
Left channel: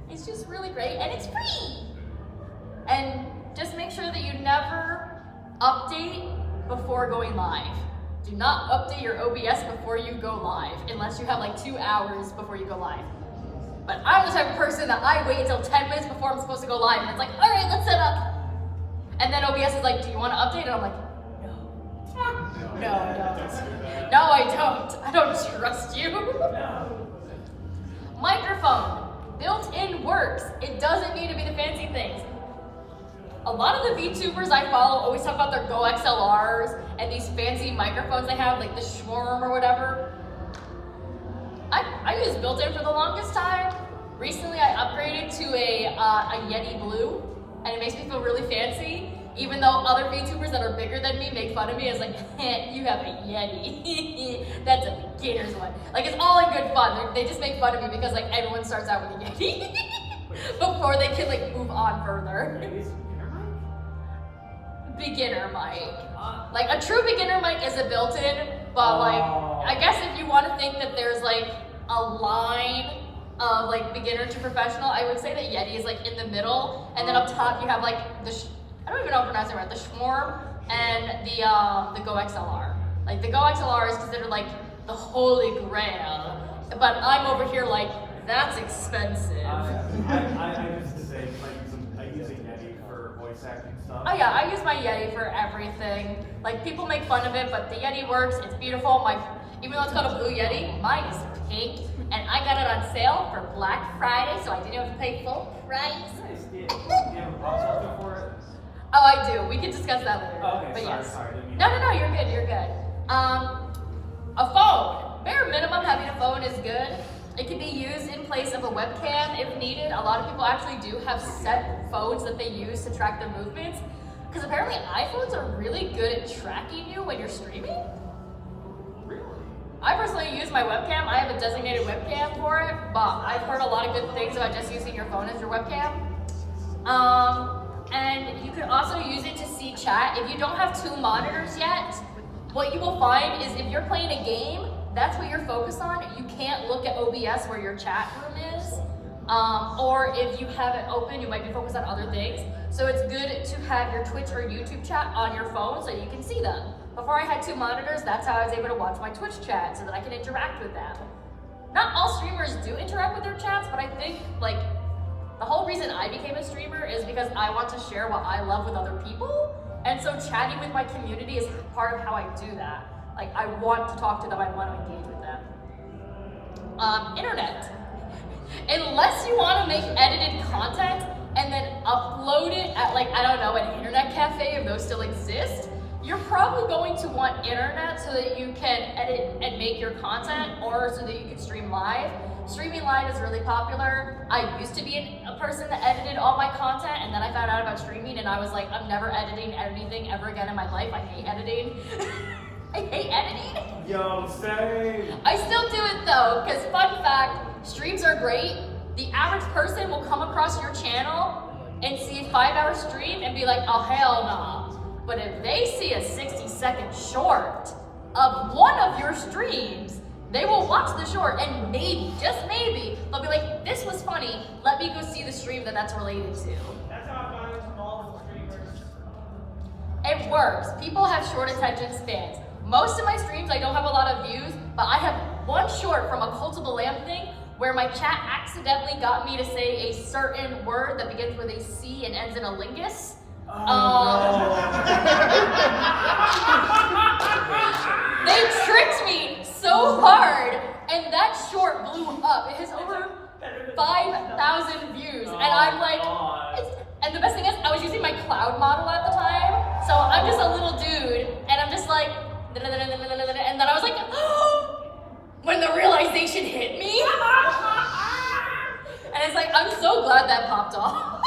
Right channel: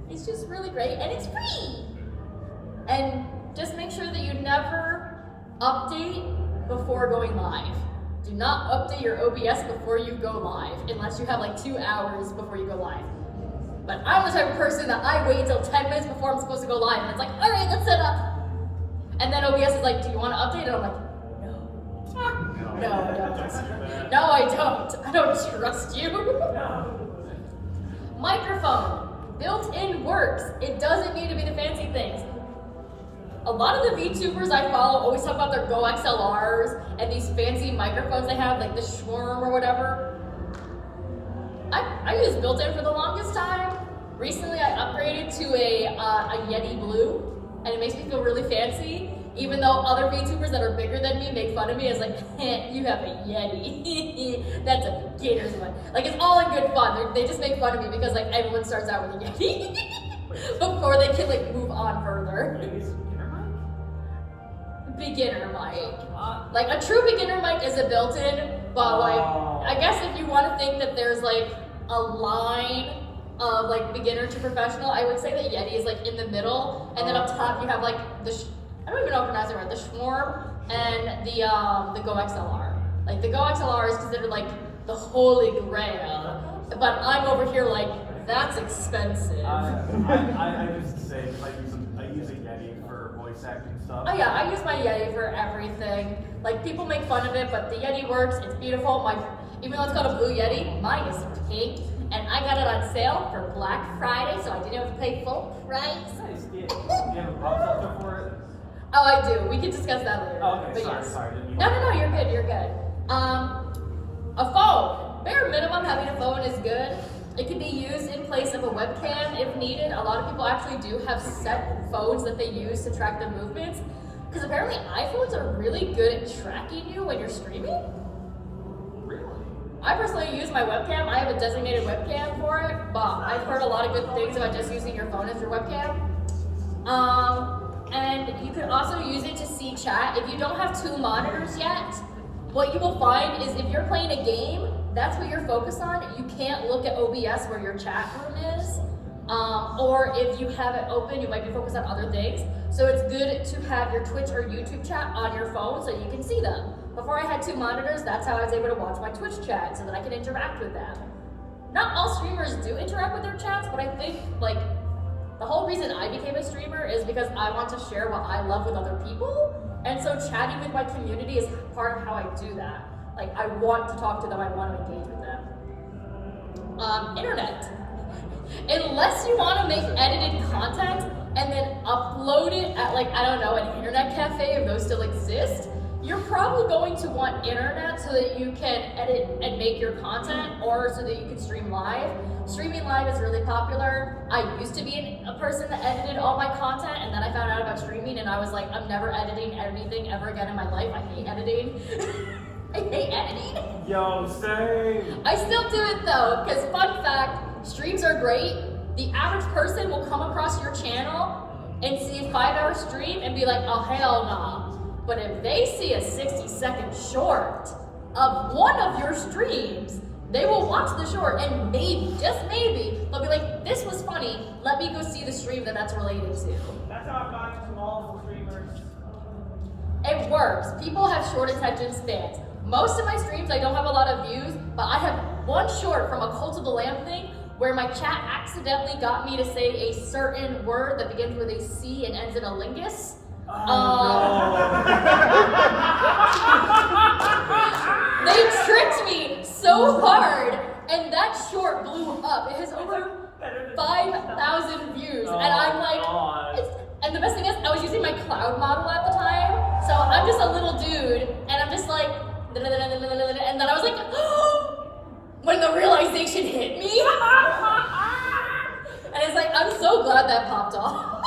It's just really great, and it's free. And just make sure that you never update before going live. Do not update your OBS before you go live, unless you have like 2 hours before you go live. But I'm the type of person that I wait until 10 minutes before I'm supposed to go live, and it's like, all right, let's set up. And then OBS is like, do you want to update? And I'm like, no, I don't. No, I don't. I don't trust you. Microphone, built-in works. It doesn't need to be the fancy things. A lot of the VTubers I follow always talk about their Go XLRs and these fancy microphones they have, like the Schwarm or whatever. I used built-in for the longest time. Recently, I upgraded to a Yeti Blue, and it makes me feel really fancy, even though other VTubers that are bigger than me make fun of me as like, you have a Yeti. That's a beginner's one. Like, it's all in good fun. They just make fun of me because like everyone starts out with a Yeti before they can like move on further. Beginner mic. Like a true beginner mic is a built-in, but like, I guess if you want to think that there's like a line of like beginner to professional, I would say that Yeti is like in the middle, and then up top you have like I don't even know how to pronounce it right, the Schwarm and the Go XLR. Like the Go XLR is considered like the holy grail, but I'm over here like, that's expensive. I used to say, I use a Yeti for voice acting stuff. Oh yeah, I use my Yeti for everything. Like people make fun of it, but the Yeti works, it's beautiful. Even though it's called a blue Yeti, mine is pink, and I got it on sale for Black Friday, so I didn't have to pay full price. Nice. Do you have a pop filter for it? Oh, I do. We can discuss that later. Okay, but sorry, yes. sorry. No, you're good, you're good. A phone. Bare minimum, having a phone is good. It can be used in place of a webcam if needed. A lot of people actually do have set phones that they use to track their movements, because apparently iPhones are really good at tracking you when you're streaming. I personally use my webcam. I have a designated webcam for it, but I've heard a lot of good things about just using your phone as your webcam. And you can also use it to see chat. If you don't have 2 monitors yet, what you will find is if you're playing a game, that's what you're focused on. You can't look at OBS where your chat room is. Or if you have it open, you might be focused on other things. So it's good to have your Twitch or YouTube chat on your phone so you can see them. Before I had 2 monitors, that's how I was able to watch my Twitch chat so that I can interact with them. Not all streamers do interact with their chats, but I think like the whole reason I became a streamer is because I want to share what I love with other people. And so chatting with my community is part of how I do that. Like I want to talk to them, I want to engage with them. Internet. Unless you want to make edited content and then upload it at like, I don't know, an internet cafe, if those still exist, you're probably going to want internet so that you can edit and make your content, or so that you can stream live. Streaming live is really popular. I used to be a person that edited all my content, and then I found out about streaming and I was like, I'm never editing anything ever again in my life. I hate editing. I hate editing. Yo, same. I still do it though, because fun fact, streams are great. The average person will come across your channel and see a 5-hour stream and be like, oh hell nah. But if they see a 60-second short of one of your streams, they will watch the short and maybe, just maybe, they'll be like, this was funny, let me go see the stream that's related to. That's how I find small streamers. It works. People have short attention spans. Most of my streams, I don't have a lot of views, but I have one short from a Cult of the Lamb thing where my chat accidentally got me to say a certain word that begins with a C and ends in a lingus. They tricked me so hard, and that short blew up. It has over 5,000 views, and I'm like, and the best thing is, I was using my cloud model at the time, so I'm just a little dude, and I'm just like, and then I was like, when the realization hit me, and it's like, I'm so glad that popped off.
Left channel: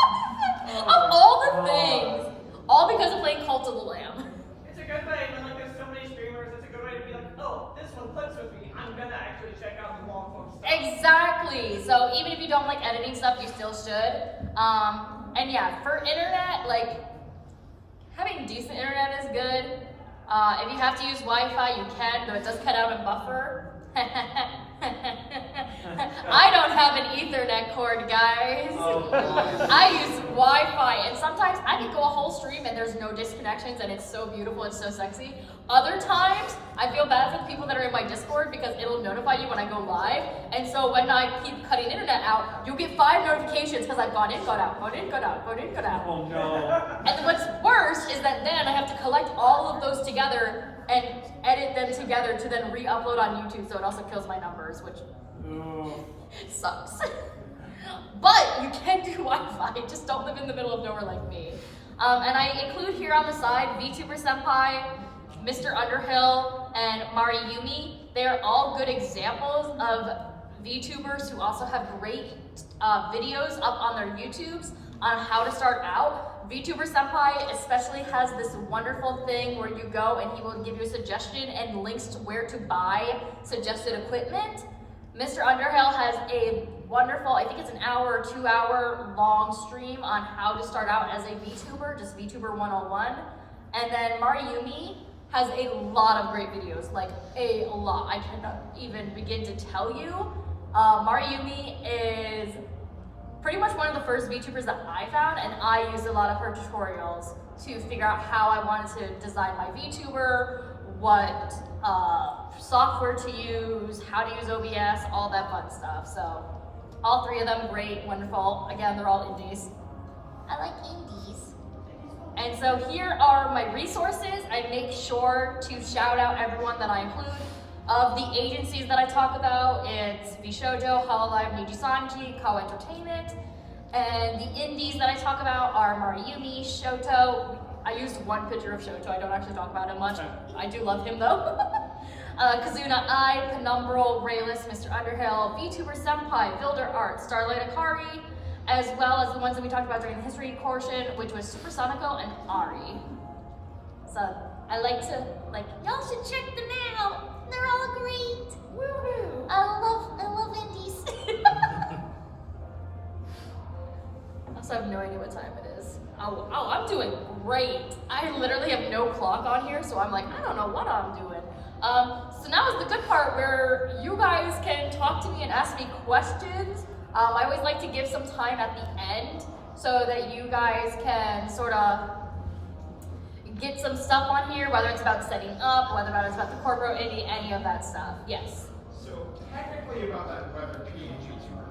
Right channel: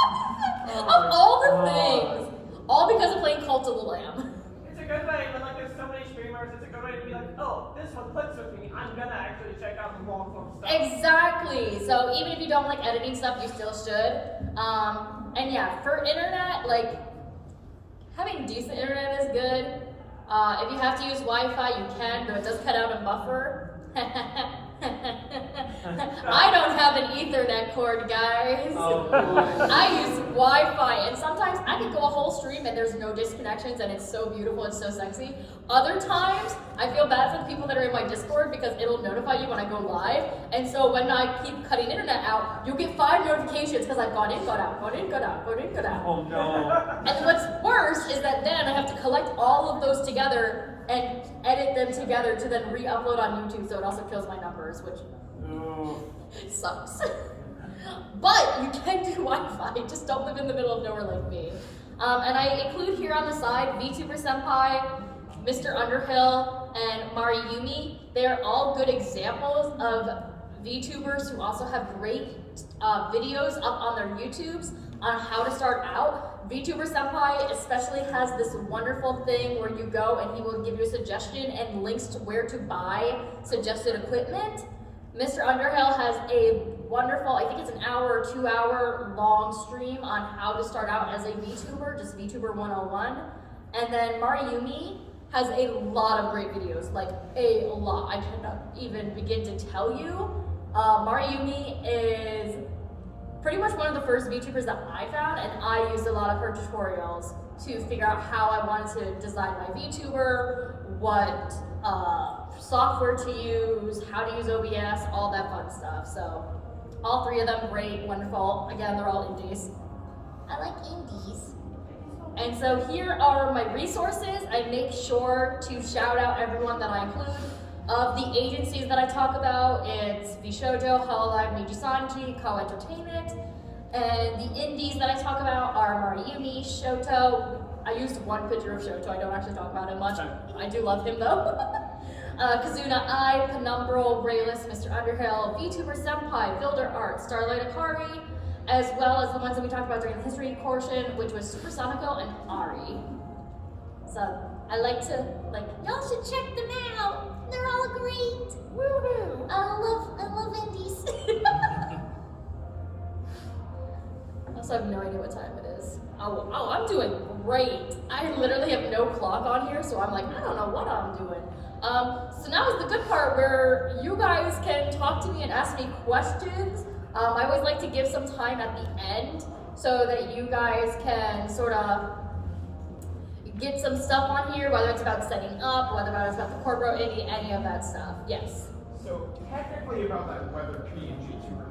Of all the things, all because of playing Cult of the Lamb. It's a good thing, and like there's so many streamers, it's a good way to be like, oh, this one clicks with me. I'm gonna actually check out the long form stuff. Exactly. So even if you don't like editing stuff, you still should. And yeah, for internet, like having decent internet is good. If you have to use Wi-Fi, you can, though it does cut out and buffer. I don't have an Ethernet cord, guys. I use Wi-Fi, and sometimes I can go a whole stream and there's no disconnections, and it's so beautiful and so sexy. Other times, I feel bad for the people that are in my Discord because it'll notify you when I go live, and so when I keep cutting internet out, you'll get 5 notifications because I've gone in, got out, gone in, got out, gone in, got out. Oh no. And what's worse is that then I have to collect all of those together and edit them together to then re-upload on YouTube, so it also kills my numbers, which sucks. But you can do Wi-Fi, just don't live in the middle of nowhere like me. And I include here on the side Vtuber Senpai, Mr. Underhill, and Mariyumi. They are all good examples of VTubers who also have great videos up on their YouTubes on how to start out. Vtuber Senpai especially has this wonderful thing where you go and he will give you a suggestion and links to where to buy suggested equipment. Mr. Underhill has a wonderful, I think it's an hour or 2 hour long stream on how to start out as a VTuber, just VTuber 101. And then Mariyumi has a lot of great videos, like a lot. I cannot even begin to tell you. Mariyumi is pretty much one of the first VTubers that I found, and I used a lot of her tutorials to figure out how I wanted to design my VTuber, what software to use, how to use OBS, all that fun stuff. So all three of them, great, wonderful. Again, they're all indies. I like indies. And so here are my resources. I make sure to shout out everyone that I include. Of the agencies that I talk about, it's Vshoujo, Hololive, Nijisanji, Kao Entertainment. And the indies that I talk about are Mariumi, Shoto. I used one picture of Shoto, I don't actually talk about him much. I do love him though. Kazuna Ai, Penumbral, Rayless, Mr. Underhill, VTuber Senpai, Builder Art, Starlight Akari, as well as the ones that we talked about during the history portion, which was Supersonico and Ari. So I like to, y'all should check them out. They're all great. Woo-hoo. I love indies. I also have no idea what time it is. Oh, I'm doing great. I literally have no clock on here, so I'm like, I don't know what I'm doing. So now is the good part where you guys can talk to me and ask me questions. I always like to give some time at the end so that you guys can sort of get some stuff on here, whether it's about setting up, whether it's about the corporate, any of that stuff. Yes. So technically about that weather PNG tuber.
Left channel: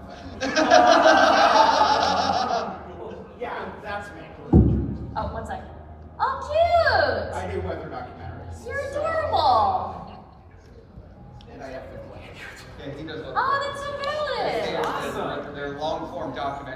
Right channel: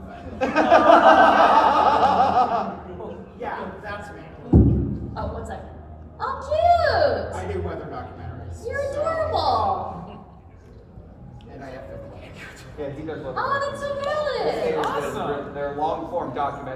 Yeah, that's me. Oh, 1 second. Oh, cute! I do weather documentaries. You're adorable. And I have 50 characters. Yeah, he does. Oh, that's so valid. Awesome. They're long form documentaries.